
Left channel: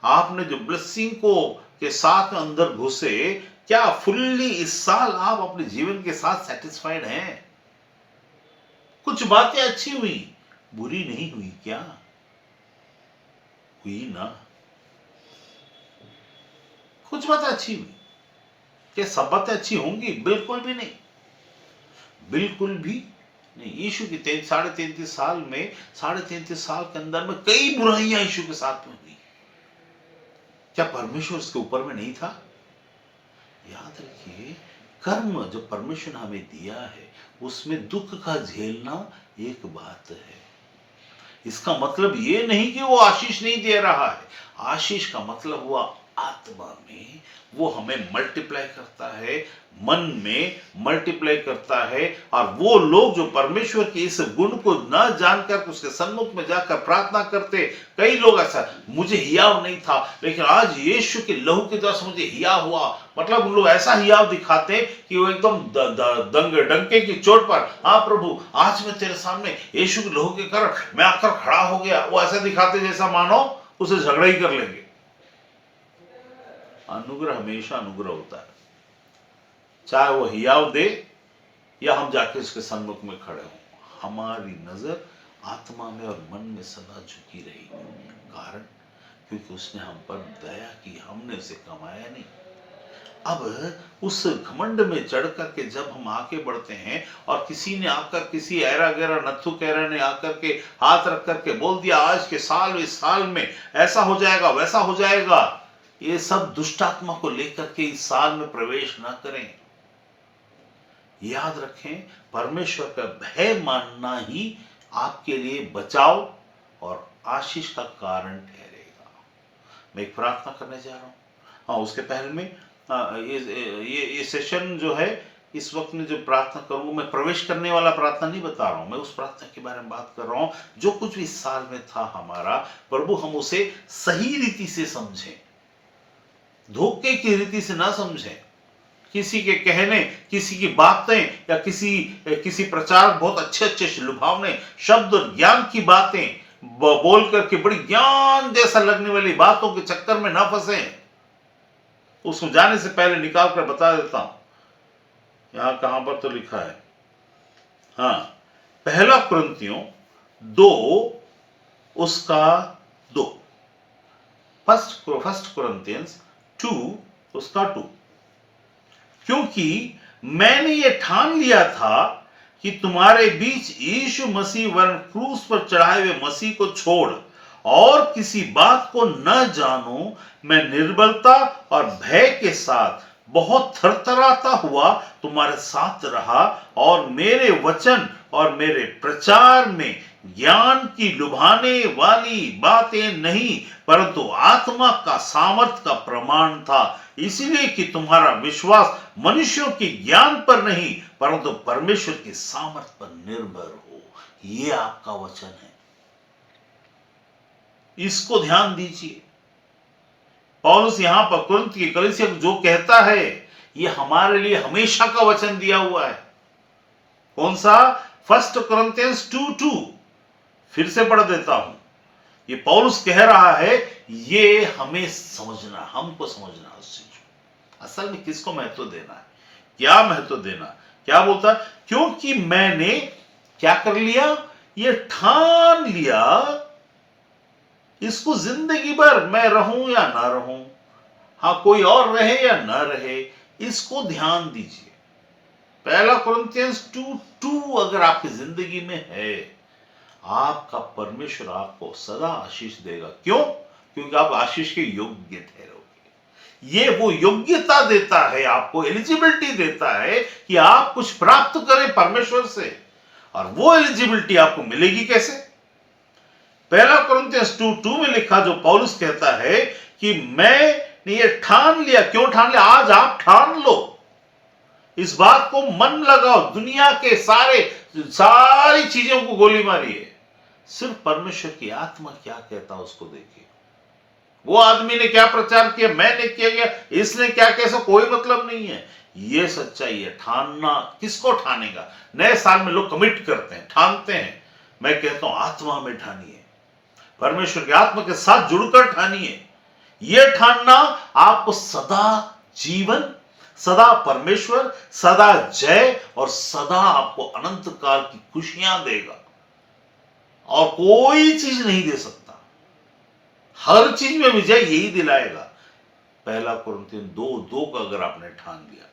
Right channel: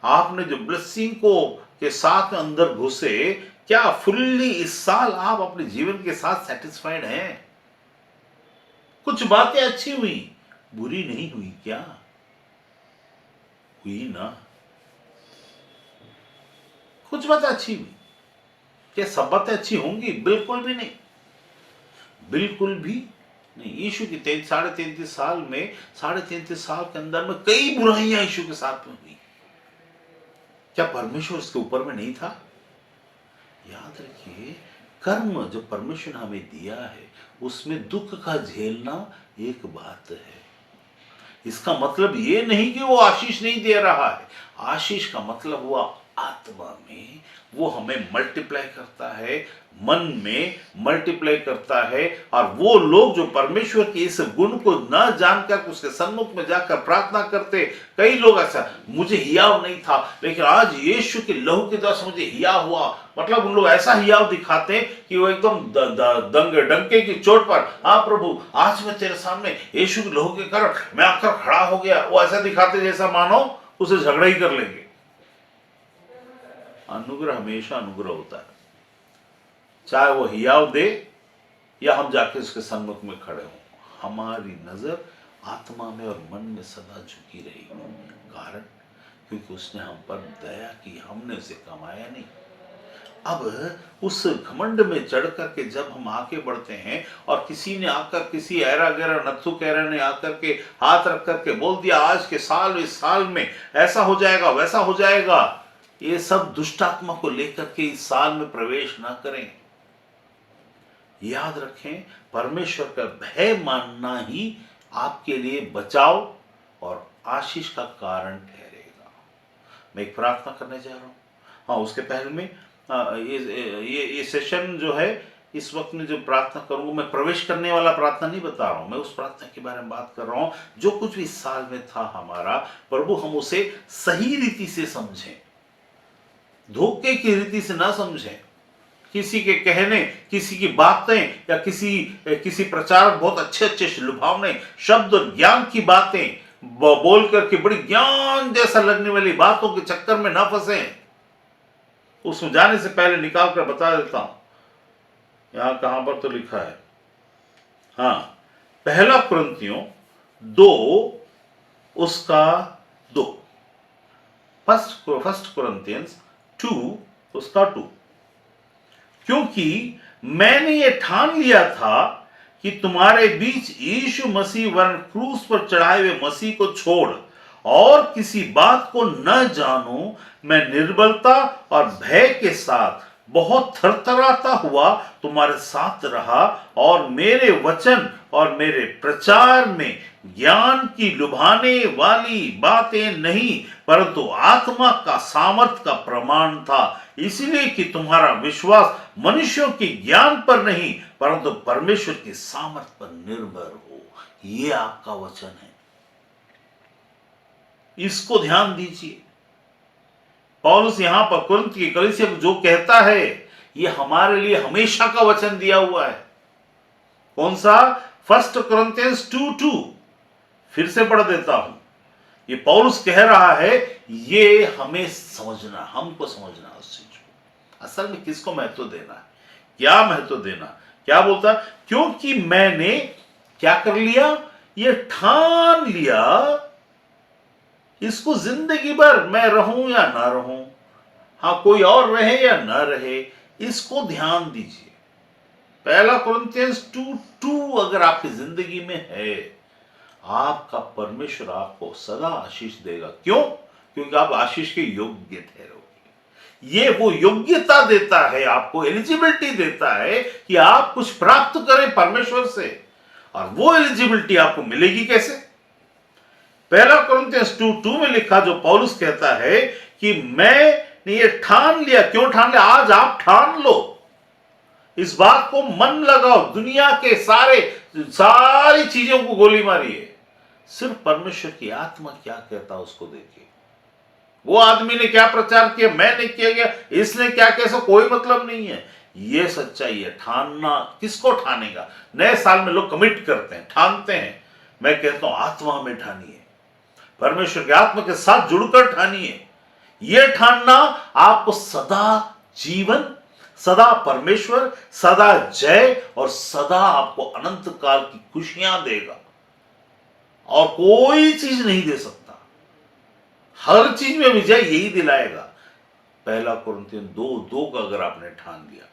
आपने जो ब्लेसिंग को के साथ अंदर घुसे, क्या फुल्ली इस साल आप अपने जीवन के साथ सेटिस्फाइड हैं? कुछ बातें अच्छी हुई, बुरी नहीं हुई क्या? हुई ना? कुछ बातें अच्छी हुई, क्या सब बातें अच्छी होंगी? बिल्कुल भी नहीं, बिल्कुल भी नहीं। यीशु की 33.5 साल में, 33.5 साल के अंदर में कई बुराइयां यीशु के साथ में हुई। क्या परमेश्वर उसके ऊपर में नहीं था? याद रखिए, कर्म जो परमेश्वर ने हमें दिया है उसमें दुख का झेलना एक बात है। इसका मतलब ये नहीं कि वो आशीष नहीं दे रहा है। आशीष का मतलब हुआ आत्मा में वो हमें मल्टीप्लाई करता है, मन में मल्टीप्लाई करता है। और वो लोग जो परमेश्वर के इस गुण को न जानकर उसके सम्मुख में जाकर प्रार्थना करते, कई लोग ऐसा, मुझे हियाव नहीं था लेकिन आज यीशु के लहू के द्वारा मुझे हियाव हुआ, मतलब उन लोग ऐसा हियाव दिखाते कि वो एकदम डंके की चोट पर, हाँ प्रभु आज मैं तेरे सामने यीशु के लहू के कारण मैं आकर खड़ा हो गया, वो ऐसा दिखाते जैसा मानो उसे झगड़ा ही कर लेंगे। अनुग्रह हमेशा अनुग्रह होता है, चाहे वो हियाव दे या हम जाके उसके सन्मुख में खड़े हों, हमारी नजर आत्मा में और मन में सदा झुकी रहेगी। कारण क्योंकि उसने हम पर दया की, हमने उसे कमाया नहीं। अब उस घमंड में चढ़ करके जब हम आगे बढ़ते हैं और किसी ने आकर, किसी ऐरा गैरा नत्थु कैरा ने आकर के हाथ रख करके बोल दिया आज के साल, इस साल में ऐसा हो जाएगा वैसा हो जाएगा, ये सब दुष्ट आत्मा को लेकर के इस साल में प्रवेश ना करें। याद रखें, परमेश्वर का भय मानना ही आपके लिए बचाव और आशीष का कारण ठहरेगा। मैं एक प्रार्थना करने जा रहा हूं। हाँ, उसके पहले में ये सेशन जो है, इस वक्त में जो प्रार्थना करूँ, मैं प्रवेश करने वाला प्रार्थना नहीं बता रहा हूँ, मैं उस प्रार्थना के बारे में बात कर रहा हूँ जो कुछ भी इस साल में था हमारा, प्रभु हम उसे सही रीति से समझें, धोखे की रीति से ना समझें। किसी के कहने, किसी की बातें या किसी प्रचारक बहुत अच्छे अच्छे लुभावने शब्द और ज्ञान की बातें बोल करके बड़ी ज्ञान जैसा लगने वाली बातों के चक्कर में ना फंसे। उसमें जाने से पहले निकाल कर बता देता हूं, यहां कहां पर तो लिखा है, हाँ, पहला कुरिन्थियों 2 उसका 2, फर्स्ट कुरिन्थियंस 2 उसका 2। क्योंकि मैंने ये ठान लिया था कि तुम्हारे बीच यीशु मसीह वरन क्रूस पर चढ़ाए हुए मसीह को छोड़ और किसी बात को न जानूं, मैं निर्बलता और भय के साथ बहुत थरथराता हुआ तुम्हारे साथ रहा, और मेरे वचन और मेरे प्रचार में ज्ञान की लुभाने वाली बातें नहीं परंतु आत्मा का सामर्थ का प्रमाण था, इसलिए कि तुम्हारा विश्वास मनुष्यों के ज्ञान पर नहीं परंतु परमेश्वर की सामर्थ पर निर्भर हो। ये आपका वचन है, इसको ध्यान दीजिए। पौलुस यहां पर कुरिन्थ की कलीसिया को जो कहता है, ये हमारे लिए हमेशा का वचन दिया हुआ है। कौन सा? First Corinthians 2:2। फिर से पढ़ देता हूं। ये पौलुस कह रहा है, ये हमें समझना, हमको समझना उस चीज को। असल में किसको महत्व देना है, क्या महत्व देना, क्या बोलता है? क्योंकि मैंने क्या कर लिया, ये ठान लिया, इसको जिंदगी भर मैं रहूं या ना रहूं, हाँ कोई और रहे या ना रहे, इसको ध्यान दीजिए। पहला कुरिन्थियंस 2:2 अगर आपकी जिंदगी में है, आपका परमेश्वर आपको सदा आशीष देगा। क्यों? क्योंकि आप आशीष के योग्य ठहरोगे। ये वो योग्यता देता है, आपको एलिजिबिलिटी देता है कि आप कुछ प्राप्त करें परमेश्वर से। और वो एलिजिबिलिटी आपको मिलेगी कैसे? पहला कुरिन्थियंस 2:2 में लिखा, जो पौलुस कहता है कि मैंने ये ठान लिया। क्यों ठान लिया? आज आप ठान लो, इस बात को मन लगाओ, दुनिया के सारी चीजों को गोली मारिए, सिर्फ परमेश्वर की आत्मा क्या कहता उसको देखिए। वो आदमी ने क्या प्रचार किया, मैंने किया गया, इसने क्या कैसा कोई मतलब नहीं है। ये सच्चाई है। ठानना, किसको ठानेगा? नए साल में लोग कमिट करते हैं, ठानते हैं। मैं कहता हूं आत्मा में ठानिए, परमेश्वर की आत्मा के साथ जुड़कर ठानिए। यह ठानना आपको सदा जीवन, सदा परमेश्वर, सदा जय और सदा आपको अनंत काल की खुशियां देगा, और कोई चीज नहीं दे सकता। हर चीज में विजय यही दिलाएगा। पहला कुरिन्थियन 2:2 का अगर आपने ठान लिया,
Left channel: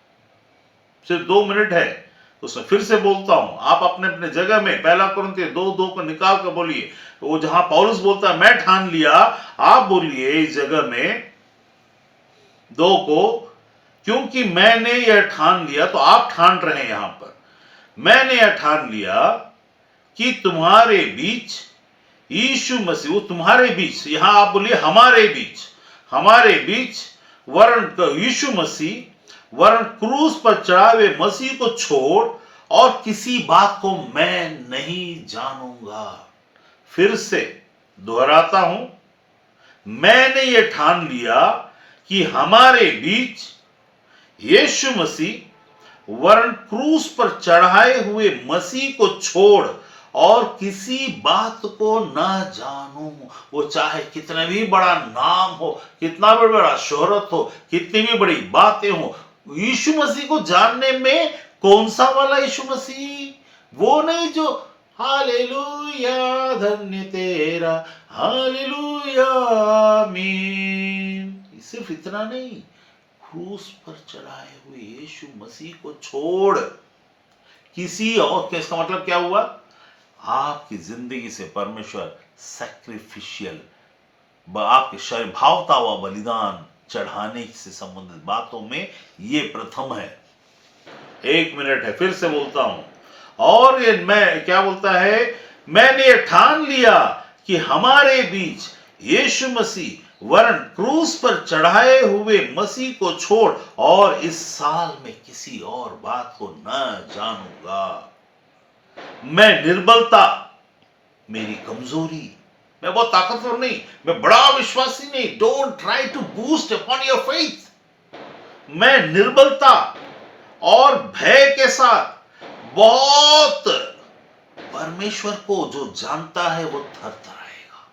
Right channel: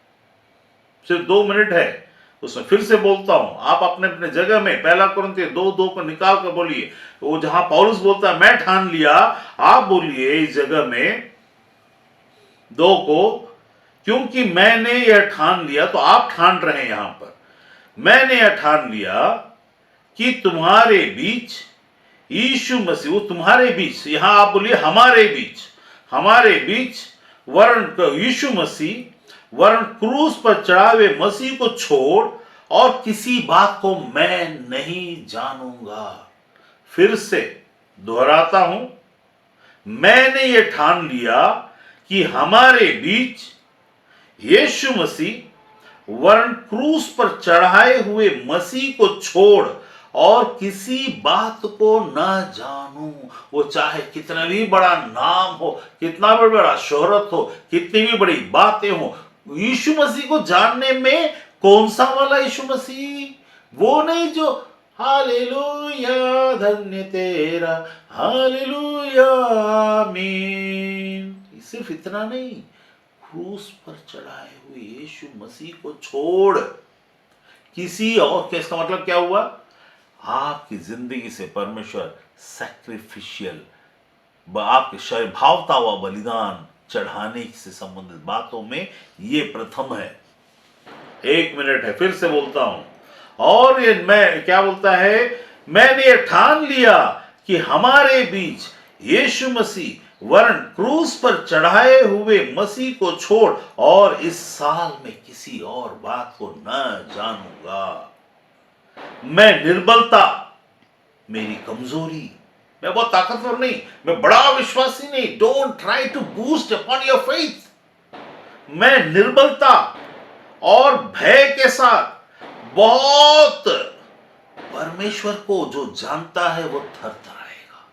सिर्फ 2 मिनट है उसमें, फिर से बोलता हूं, आप अपने अपने जगह में पहला कुरिन्थियन 2:2 को निकाल कर बोलिए। वो जहां पौलुस बोलता है मैं ठान लिया, आप बोलिए इस जगह में 2 को, क्योंकि मैंने यह ठान लिया। तो आप ठान रहे हैं यहां पर, मैंने यह ठान लिया कि तुम्हारे बीच यीशु मसीह, वो तुम्हारे बीच, यहां आप बोलिए हमारे बीच वरन यीशु मसीह वरन क्रूस पर चढ़ाए हुए मसीह को छोड़ और किसी बात को मैं नहीं जानूंगा। फिर से दोहराता हूं, मैंने ये ठान लिया कि हमारे बीच यीशु मसीह वरन क्रूस पर चढ़ाए हुए मसीह को छोड़ और किसी बात को ना जानूं। वो चाहे कितना भी बड़ा नाम हो, कितना भी बड़ा शोहरत हो, कितनी भी बड़ी बातें हो, यीशु मसीह को जानने में कौन सा वाला यीशु मसीह, वो नहीं जो हालेलुया धन्य तेरा हालेलुया आमीन, सिर्फ इतना नहीं, क्रूस पर चढ़ाए हुए यीशु मसीह को छोड़ किसी और, इसका मतलब क्या हुआ? आपकी जिंदगी से परमेश्वर सैक्रिफिशियल, आपके शरीर भावता हुआ बलिदान चढ़ाने से संबंधित बातों में ये प्रथम है। 1 मिनट है, फिर से बोलता हूं, और ये मैं क्या बोलता है, मैंने ये ठान लिया कि हमारे बीच यीशु मसीह वरन क्रूस पर चढ़ाए हुए मसीह को छोड़ और इस साल में किसी और बात को न जानूंगा। मैं निर्बलता, मेरी कमजोरी, मैं बहुत ताकतवर नहीं, मैं बड़ा विश्वासी नहीं, don't try to boost upon your faith. मैं निर्बलता और भय के साथ बहुत, परमेश्वर को जो जानता है वो थरथराएगा,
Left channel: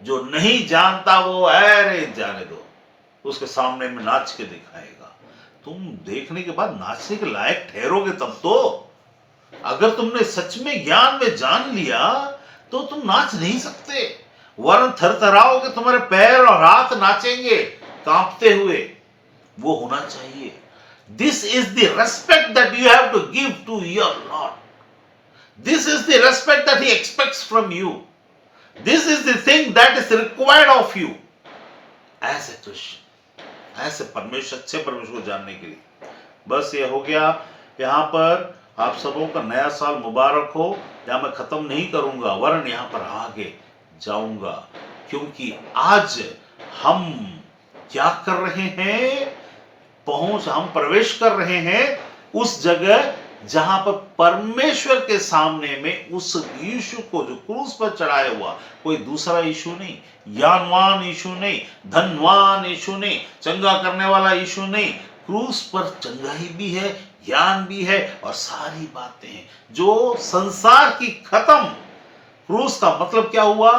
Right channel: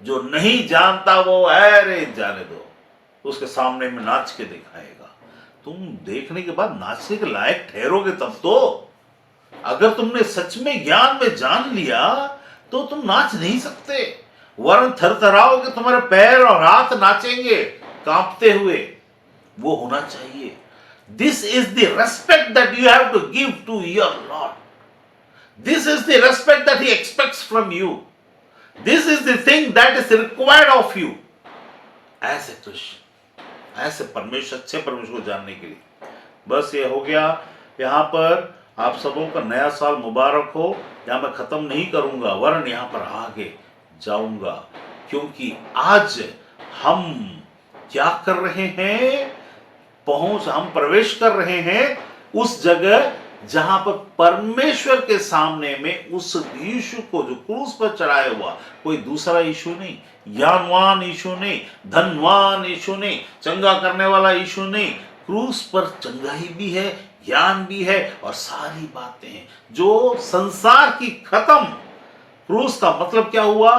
जो नहीं जानता वो अरे जाने दो, उसके सामने में नाच के दिखाएगा। तुम देखने के बाद नाचने के लायक ठहरोगे तब तो। अगर तुमने सच में ज्ञान में जान लिया तो तुम नाच नहीं सकते, वरन थरथराओगे, तुम्हारे पैर और हाथ नाचेंगे कांपते हुए। वो होना चाहिए। This is the respect that you have to give to your Lord. This is the respect that he expects from you. This is the thing that is required of you as a Christian, ऐसे परमेश्वर, अच्छे परमेश्वर को जानने के लिए। बस ये हो गया। यहां पर आप सबों का नया साल मुबारक हो। यहां मैं खत्म नहीं करूंगा, वरन यहां पर आगे जाऊंगा, क्योंकि आज हम क्या कर रहे हैं, हम प्रवेश कर रहे हैं उस जगह जहां पर परमेश्वर के सामने में उस यीशु को जो क्रूस पर चढ़ाया हुआ, कोई दूसरा यीशु नहीं, ज्ञानवान यीशु नहीं, धनवान यीशु नहीं, चंगा करने वाला यीशु नहीं, क्रूस पर चंगाई भी है, ज्ञान भी है और सारी बातें हैं जो संसार की खत्म। क्रूस का मतलब क्या हुआ?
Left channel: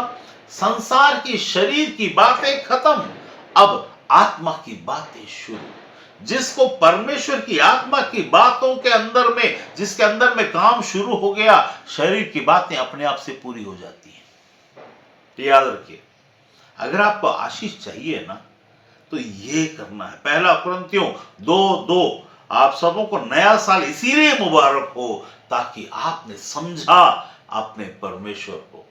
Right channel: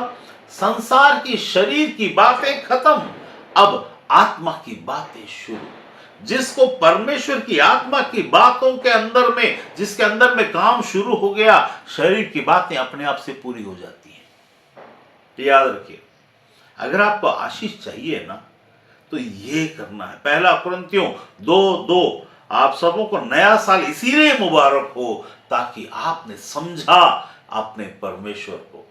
संसार की, शरीर की बातें खत्म, अब आत्मा की बातें शुरू। जिसको परमेश्वर की आत्मा की बातों के अंदर में, जिसके अंदर में काम शुरू हो गया, शरीर की बातें अपने आप से पूरी हो जाती हैं। याद रखिए, अगर आपको आशीष चाहिए ना तो ये करना है। 1 कुरिन्थियों 2:2, आप सबों को नया साल इसीलिए मुबारक हो ताकि आपने समझा अपने परमेश्वर को,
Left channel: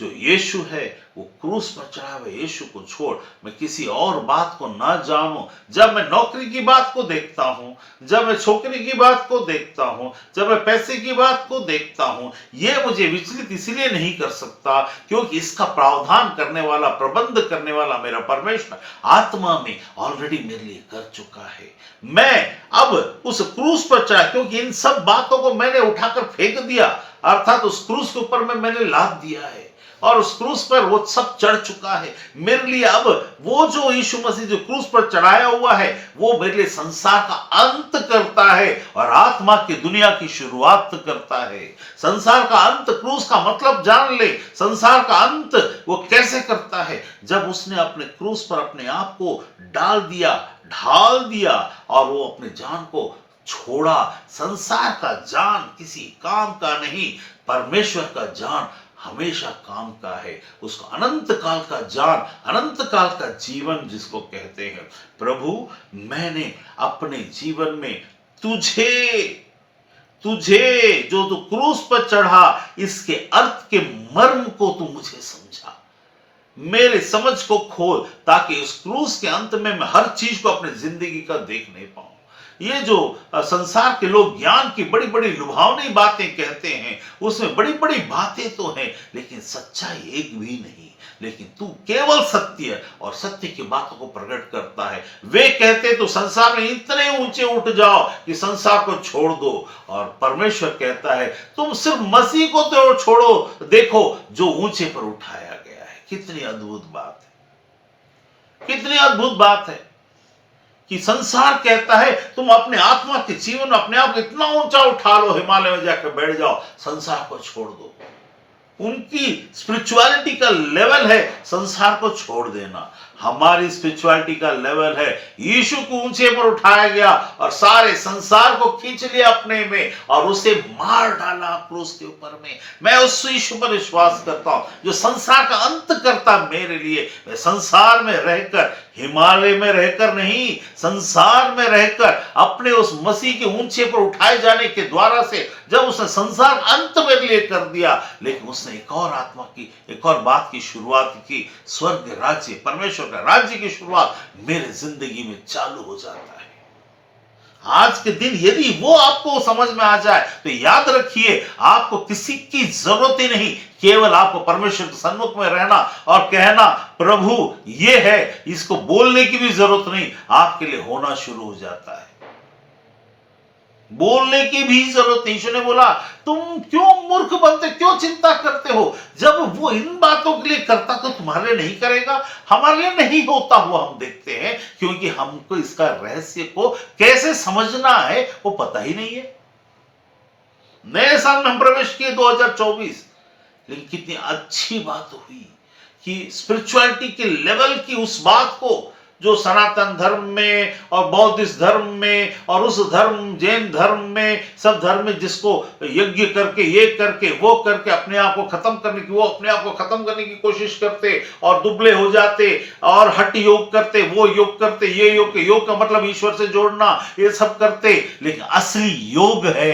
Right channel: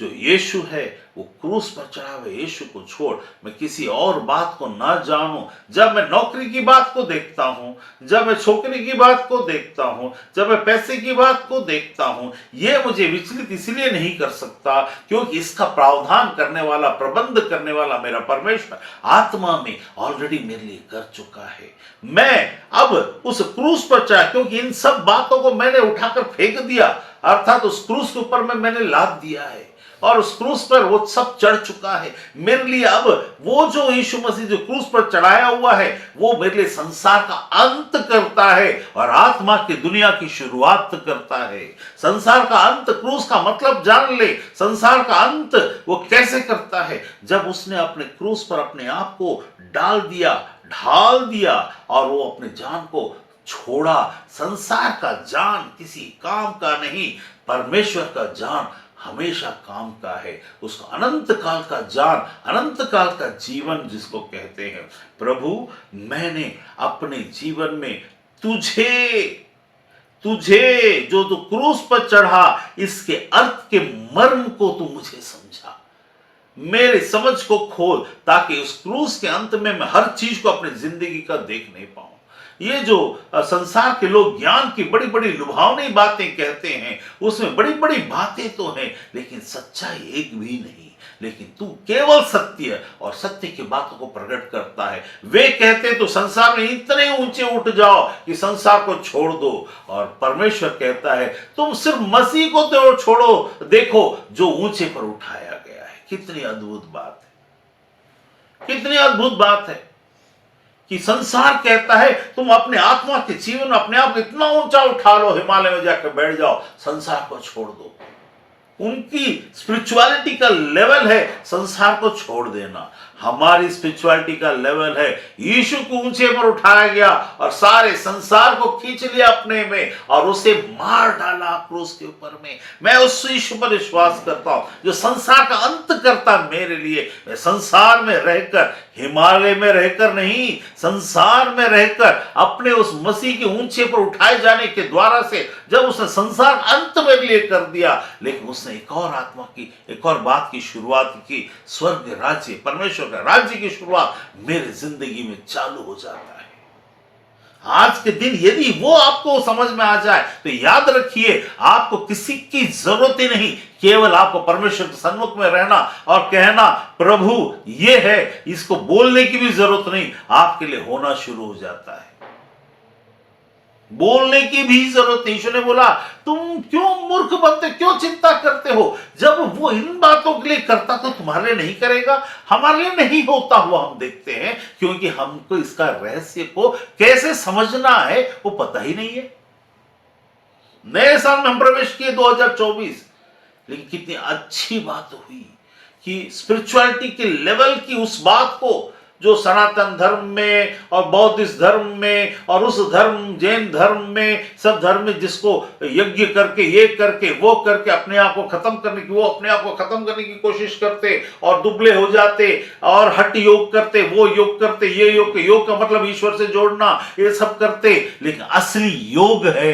जो यीशु है, वो क्रूस पर चढ़ा हुए यीशु को छोड़ मैं किसी और बात को ना जानूं। जब मैं नौकरी की बात को देखता हूं, जब मैं छोकरी की बात को देखता हूं, जब मैं पैसे की बात को देखता हूं, ये मुझे विचलित इसलिए नहीं कर सकता क्योंकि इसका प्रावधान करने वाला, प्रबंध करने वाला मेरा परमेश्वर आत्मा में ऑलरेडी मेरे लिए कर चुका है। मैं अब उस क्रूस पर चढ़ा, क्योंकि इन सब बातों को मैंने उठाकर फेंक दिया, अर्थात उस क्रूस के ऊपर में मैंने लाद दिया है और उस क्रूस पर वो सब चढ़ चुका है मेरे लिए। अब वो जो यीशु मसीह जो क्रूस पर चढ़ाया हुआ है, वो मेरे लिए संसार का अंत करता है और आत्मा की दुनिया की शुरुआत करता है। संसार का अंत, क्रूस का मतलब जान ले। संसार का अंत वो कैसे करता है? जब उसने अपने क्रूस पर अपने आप को डाल दिया, ढाल दिया और वो अपने जान को छोड़ा। संसार का जान किसी काम का नहीं, परमेश्वर का जान हमेशा काम का है। उसका अनंत काल का जान, अनंत काल का जीवन जिसको कहते हैं। प्रभु, मैंने अपने जीवन में तुझे जो तू क्रूस पर चढ़ा, इसके अर्थ के मर्म को तू मुझे समझा, मेरे समझ को खोल, ताकि उस क्रूस के अंत में मैं हर चीज को अपनी जिंदगी का देख नहीं पाऊं। ये जो संसार के लोग ज्ञान की बड़ी बड़ी लुभावनी बातें कहते हैं, उसमें बड़ी बड़ी बातें तो हैं, लेकिन सच्चाई एक भी नहीं। लेकिन तू केवल सत्य और सत्य की बातों को प्रकट करता है। वे कहते तो संसार में इतने ऊंचे उठ जाओ कि संसार को छोड़ दो, और परमेश्वर कहता है तुम सिर्फ मसीह को तो छोड़ो, देखो जो ऊंचे पर उठाया गया है। कितनी अद्भुत बात है, कितनी अद्भुत बात है कि संसार कहता है तुम अपने आत्मा के जीवन में अपने आप को इतना ऊंचा उठा लो, हिमालय में जाकर बैठ जाओ, संसार को छोड़ दो। उनकी स्पिरिचुअलिटी का लेवल है संसार को छोड़ देना। हमारी स्पिरिचुअलिटी का लेवल है यीशु को ऊंचे पर उठाया गया और सारे संसार को खींच लिया अपने में और उसे मार डाला क्रूस के ऊपर में। मैं उस यीशु पर विश्वास करता हूं जो संसार का अंत करता मेरे लिए। मैं संसार में रहकर, हिमालय में रहकर नहीं, संसार में रहकर अपने उस मसीह के ऊंचे पर उठाए जाने के द्वारा से जब उसने संसार अंत मेरे लिए कर दिया, लेकिन उसने एक और आत्मा की, एक और बात की शुरुआत की। स्वर्ग राज्य, परमेश्वर का राज्य की शुरुआत मेरे जिंदगी में चालू हो जाता है। आज के दिन यदि वो आपको समझ में आ जाए तो याद रखिए आपको किसी की जरूरत ही नहीं, केवल आपको परमेश्वर के सन्मुख में रहना और कहना प्रभु ये है, इसको बोलने की भी जरूरत नहीं, आपके लिए होना शुरू हो जाता है। बोलने की भी जरूरत नहीं। यीशु ने बोला तुम क्यों मूर्ख बनते, क्यों चिंता करते हो? जब वो इन बातों के लिए करता तो तुम्हारे लिए नहीं करेगा? हमारे लिए नहीं होता हुआ हम देखते हैं, क्योंकि हमको इसका रहस्य को कैसे समझना है वो पता ही नहीं है। नए साल में हम प्रवेश किए 2024, लेकिन कितनी अच्छी बात हुई कि स्पिरिचुअलिटी के लेवल की उस बात को जो सनातन धर्म में और बौद्धिस्ट धर्म में और उस धर्म, जैन धर्म में, सब धर्म में जिसको यज्ञ करके, ये करके, वो करके अपने आप को खत्म करने की, वो अपने आप को खत्म करने की कोशिश करते और दुबले हो जाते और हठ योग करते, वो योग करते, ये योग, योग का मतलब ईश्वर से जोड़ना, ये सब करते। लेकिन असली योग है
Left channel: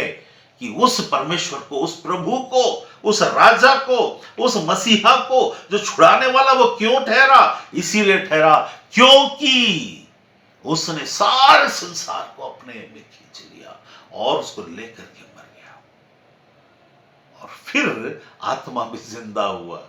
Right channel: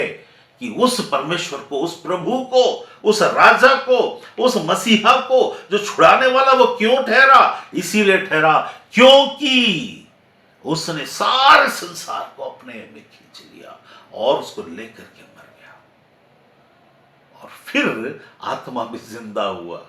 कि उस परमेश्वर को, उस प्रभु को, उस राजा को, उस मसीहा को जो छुड़ाने वाला, वो क्यों ठहरा? इसीलिए ठहरा क्योंकि उसने सारे संसार को अपने में खींच लिया और उसको लेकर के मर गया और फिर आत्मा में जिंदा हुआ।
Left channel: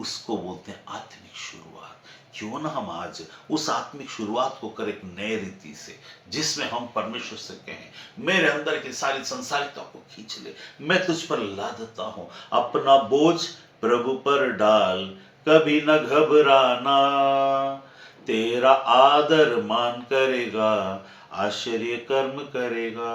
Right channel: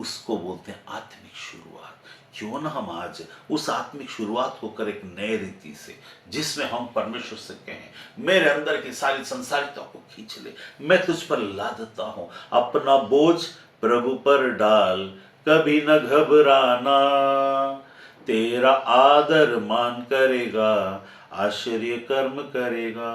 उसको बोलते हैं आत्मिक शुरुआत। क्यों ना हम आज उस आत्मिक शुरुआत को करें एक नए रीति से, जिसमें हम परमेश्वर से कहें मेरे अंदर की सारी संसारिता को खींच ले, मैं तुझ पर लादता हूं, अपना बोझ प्रभु पर डाल, कभी न घबराना, तेरा आदर मान करेगा, आश्चर्य कर्म करेगा।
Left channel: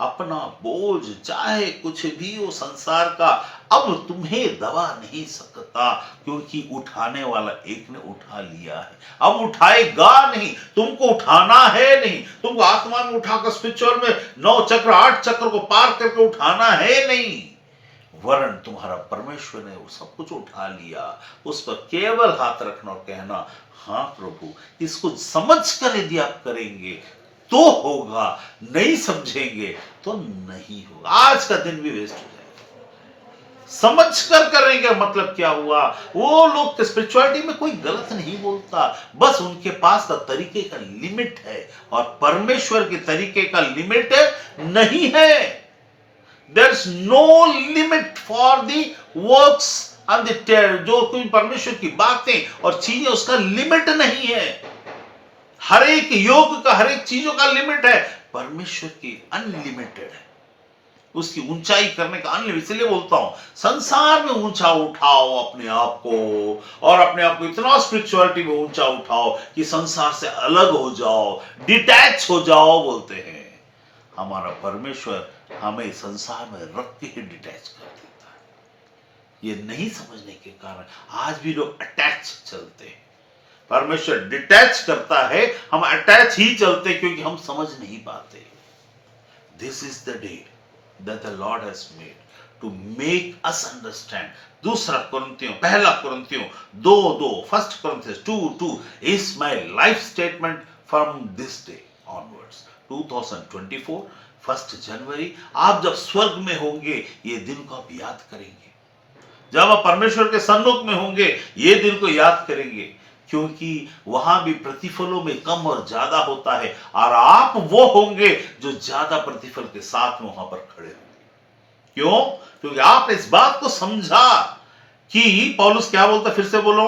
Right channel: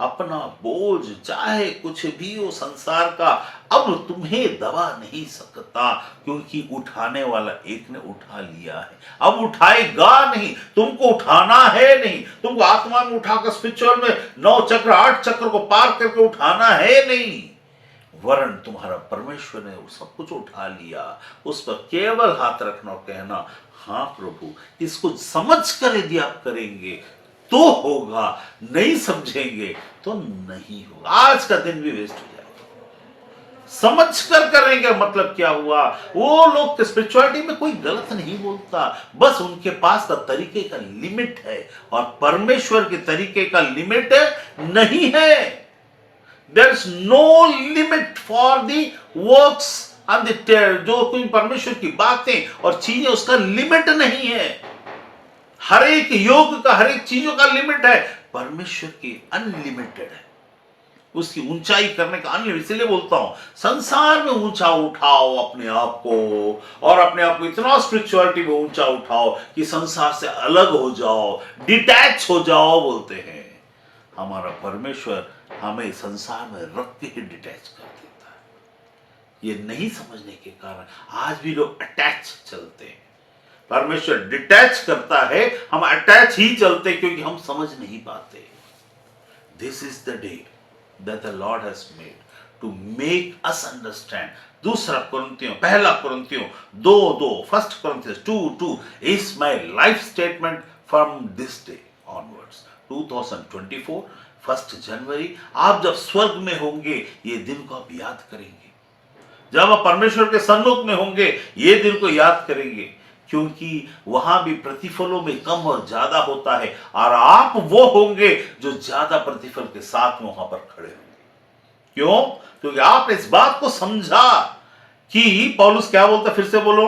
अपना बोझ चाहे कुछ भी हो संसार का, अब तुम्हें दबा नहीं सकता, क्योंकि उठाने वाला एक ने उठा लिया है। अब उठाएगा नहीं, तुमको उठाना है नहीं, तुमको आत्मा में उठाकर स्पिरिचुअल में 9 चक्र 8 चक्र को पार करके उठाना है नहीं, वरन तुम्हारा परमेश्वर ने सब कुछ उठा लिया। उस पर केवल हाथ रखना और कहना हाँ प्रभु, इसको समझ कर यदि आप करेंगे तो होगा, नहीं समझेंगे तो नहीं होगा। आज का दिन भी वेस्ट हो जाएगा। समझ कर करेंगे मतलब क्या हुआ? वो लोग स्पिरिचुअलिटी में कोई गलत नहीं बोलता, बस उनके पास का तरीके का लिमिट है और परमेश्वर के तरीके का लिमिट नहीं है। There is no limit for the works and the जो कोई परमेश्वर की बातें और चीजें, उसका लिमिट नहीं है। हर एक योग का, हर एक चीजों का लिमिट है। परमेश्वर की अनलिमिटेड है, उसकी ऊंचाई करने का अनलिमिटेड। इसलिए बोलता हूं संसार में ऊंचा उठाओ अपने आप को, और अपने आप को इतना स्पिरिचुअलिटी में ऊंचा उठाओ कि संसार से अलग हो जाओ, डिटैच हो जाओ। बोलते हैं हमारा परमेश्वर हमें संसार में रख के ही डिटैच कर देता है। ये नहीं समझने के कारण आज भी लोग अटैच चलते हैं। परमेश्वर डिटैच करता है, हम अटैच ही चलते क्योंकि हम समझ नहीं पाते। This is the day that the lord has made to make us understand. दूसरा कुरिन्थियों, पहला कुरिन्थियों 2:2, first Corinthians 2:2 is my life statement from this day onwards. 2024 1 जनवरी, आप जब स्वर्ग में होंगे ये दिन को आप याद करेंगे। जब आप परमेश्वर के सन्मुख में होंगे ये दिन को याद करेंगे क्योंकि वहां भी प्रतिफलों में कम और ज्यादा होता है, और आप वो होंगे जो ज्यादा प्रतिफल के साथ में वहां पर खड़े होंगे। क्यों? क्योंकि आपने इस बात को समझा कि पौलुस क्या बोलता, फिर से बोलो,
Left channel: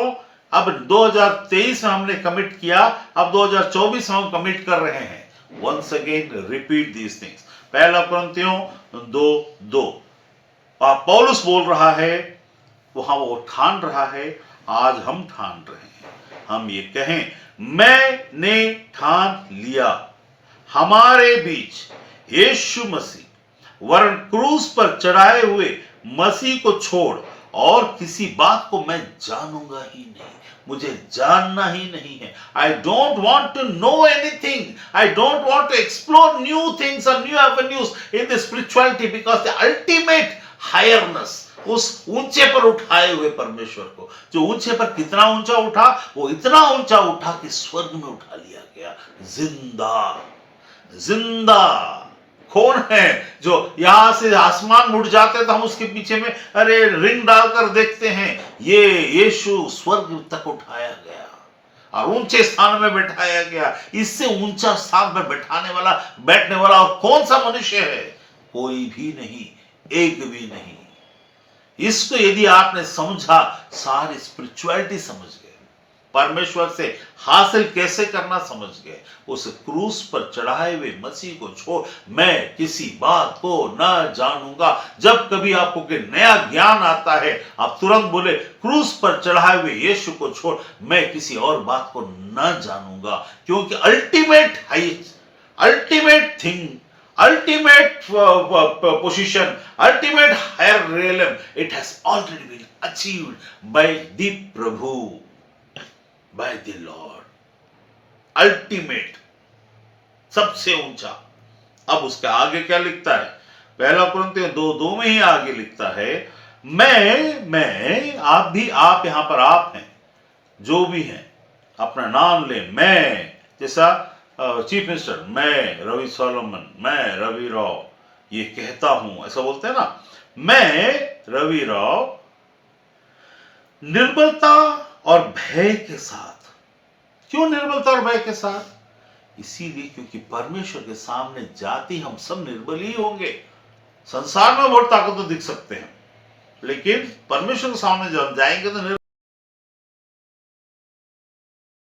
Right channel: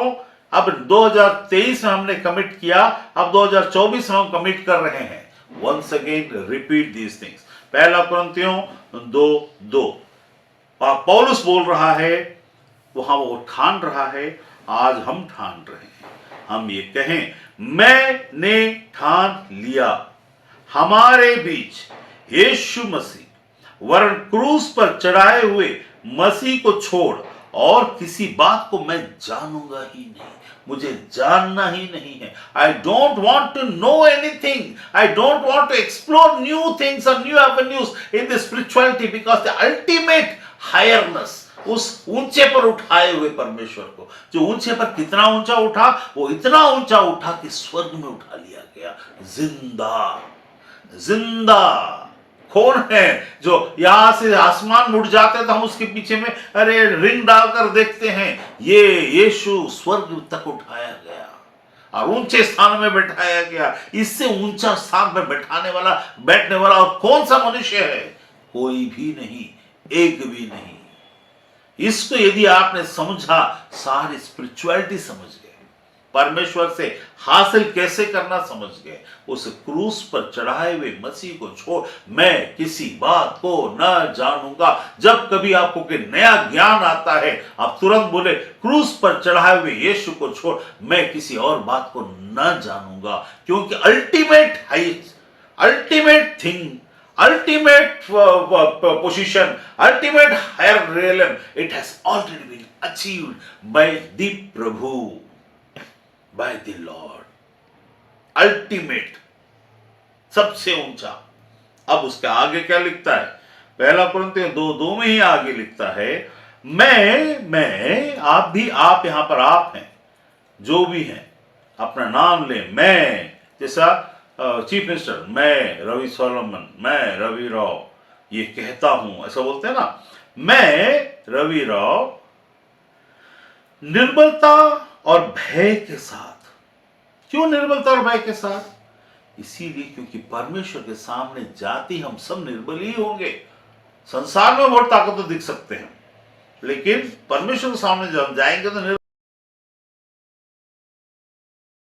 अब 2023 में हमने कमिट किया, अब 2024 में हम कमिट कर रहे हैं। Once again repeat these things. पहला कुरिन्थियों 2:2 पौलुस बोल रहा है, वहां वो ठान रहा है, आज हम ठान रहे हैं। हम ये कहें, मैंने ठान लिया हमारे बीच यीशु मसीह वरन क्रूस पर चढ़ाए हुए मसीह को छोड़ और किसी बात को मैं जानूंगा ही नहीं, मुझे जानना ही नहीं है। I don't want to know anything, I don't want to explore new things और new avenues in the spirituality, because the ultimate higherness, उस ऊंचे पर उठाए हुए परमेश्वर को, जो ऊंचे पर कितना ऊंचा उठा, वो इतना ऊंचा उठा कि स्वर्ग में उठा लिया गया। जिंदा जिंदा कौन है जो यहां से आसमान उड़ जाते तो हम उसके पीछे में अरे रिंग डालकर देखते हैं? ये यीशु स्वर्ग तक उठाया गया और ऊंचे स्थान में बैठाया गया। इससे ऊंचा स्थान पर बैठने वाला और कौन सा मनुष्य है? कोई भी नहीं, एक भी नहीं। इसको यदि आपने समझा, सारी स्पिरिचुअलिटी समझ गए, परमेश्वर से हासिल कैसे करना समझ गए। उस क्रूस पर चढ़ाए हुए मसीह को छोड़ मैं किसी बात को न जानूंगा। जब कभी आपको कोई नया ज्ञान आता है, आप तुरंत बोले, क्रूस पर चढ़ाए हुए यीशु को छोड़ मैं किसी और बात को न जानूंगा, क्योंकि ultimate highest, ultimate thing, ultimate position, ultimate higher realm, it has already been achieved by the Prabhu, by the Lord. Ultimate, सबसे ऊंचा। अब उसके आगे क्या लिखता है? पहला कुरिन्थियों 2:2 में ही आगे लिखता है, मैं आप भी, आप यहां पर आप हैं, जो भी हैं अपना नाम ले। मैं, जैसा चीफ मिनिस्टर, मैं रवि सोलोमन, मैं रवि राव ये कहता हूं, ऐसा बोलते हैं ना, मैं रवि राव निर्बलता और भय के साथ। क्यों निर्बलता और भय के साथ? इसीलिए क्योंकि परमेश्वर के सामने जाति हम सब निर्बल ही होंगे। संसार में बहुत ताकत तो दिख सकते हैं, लेकिन परमेश्वर के सामने जब हम जाएंगे तो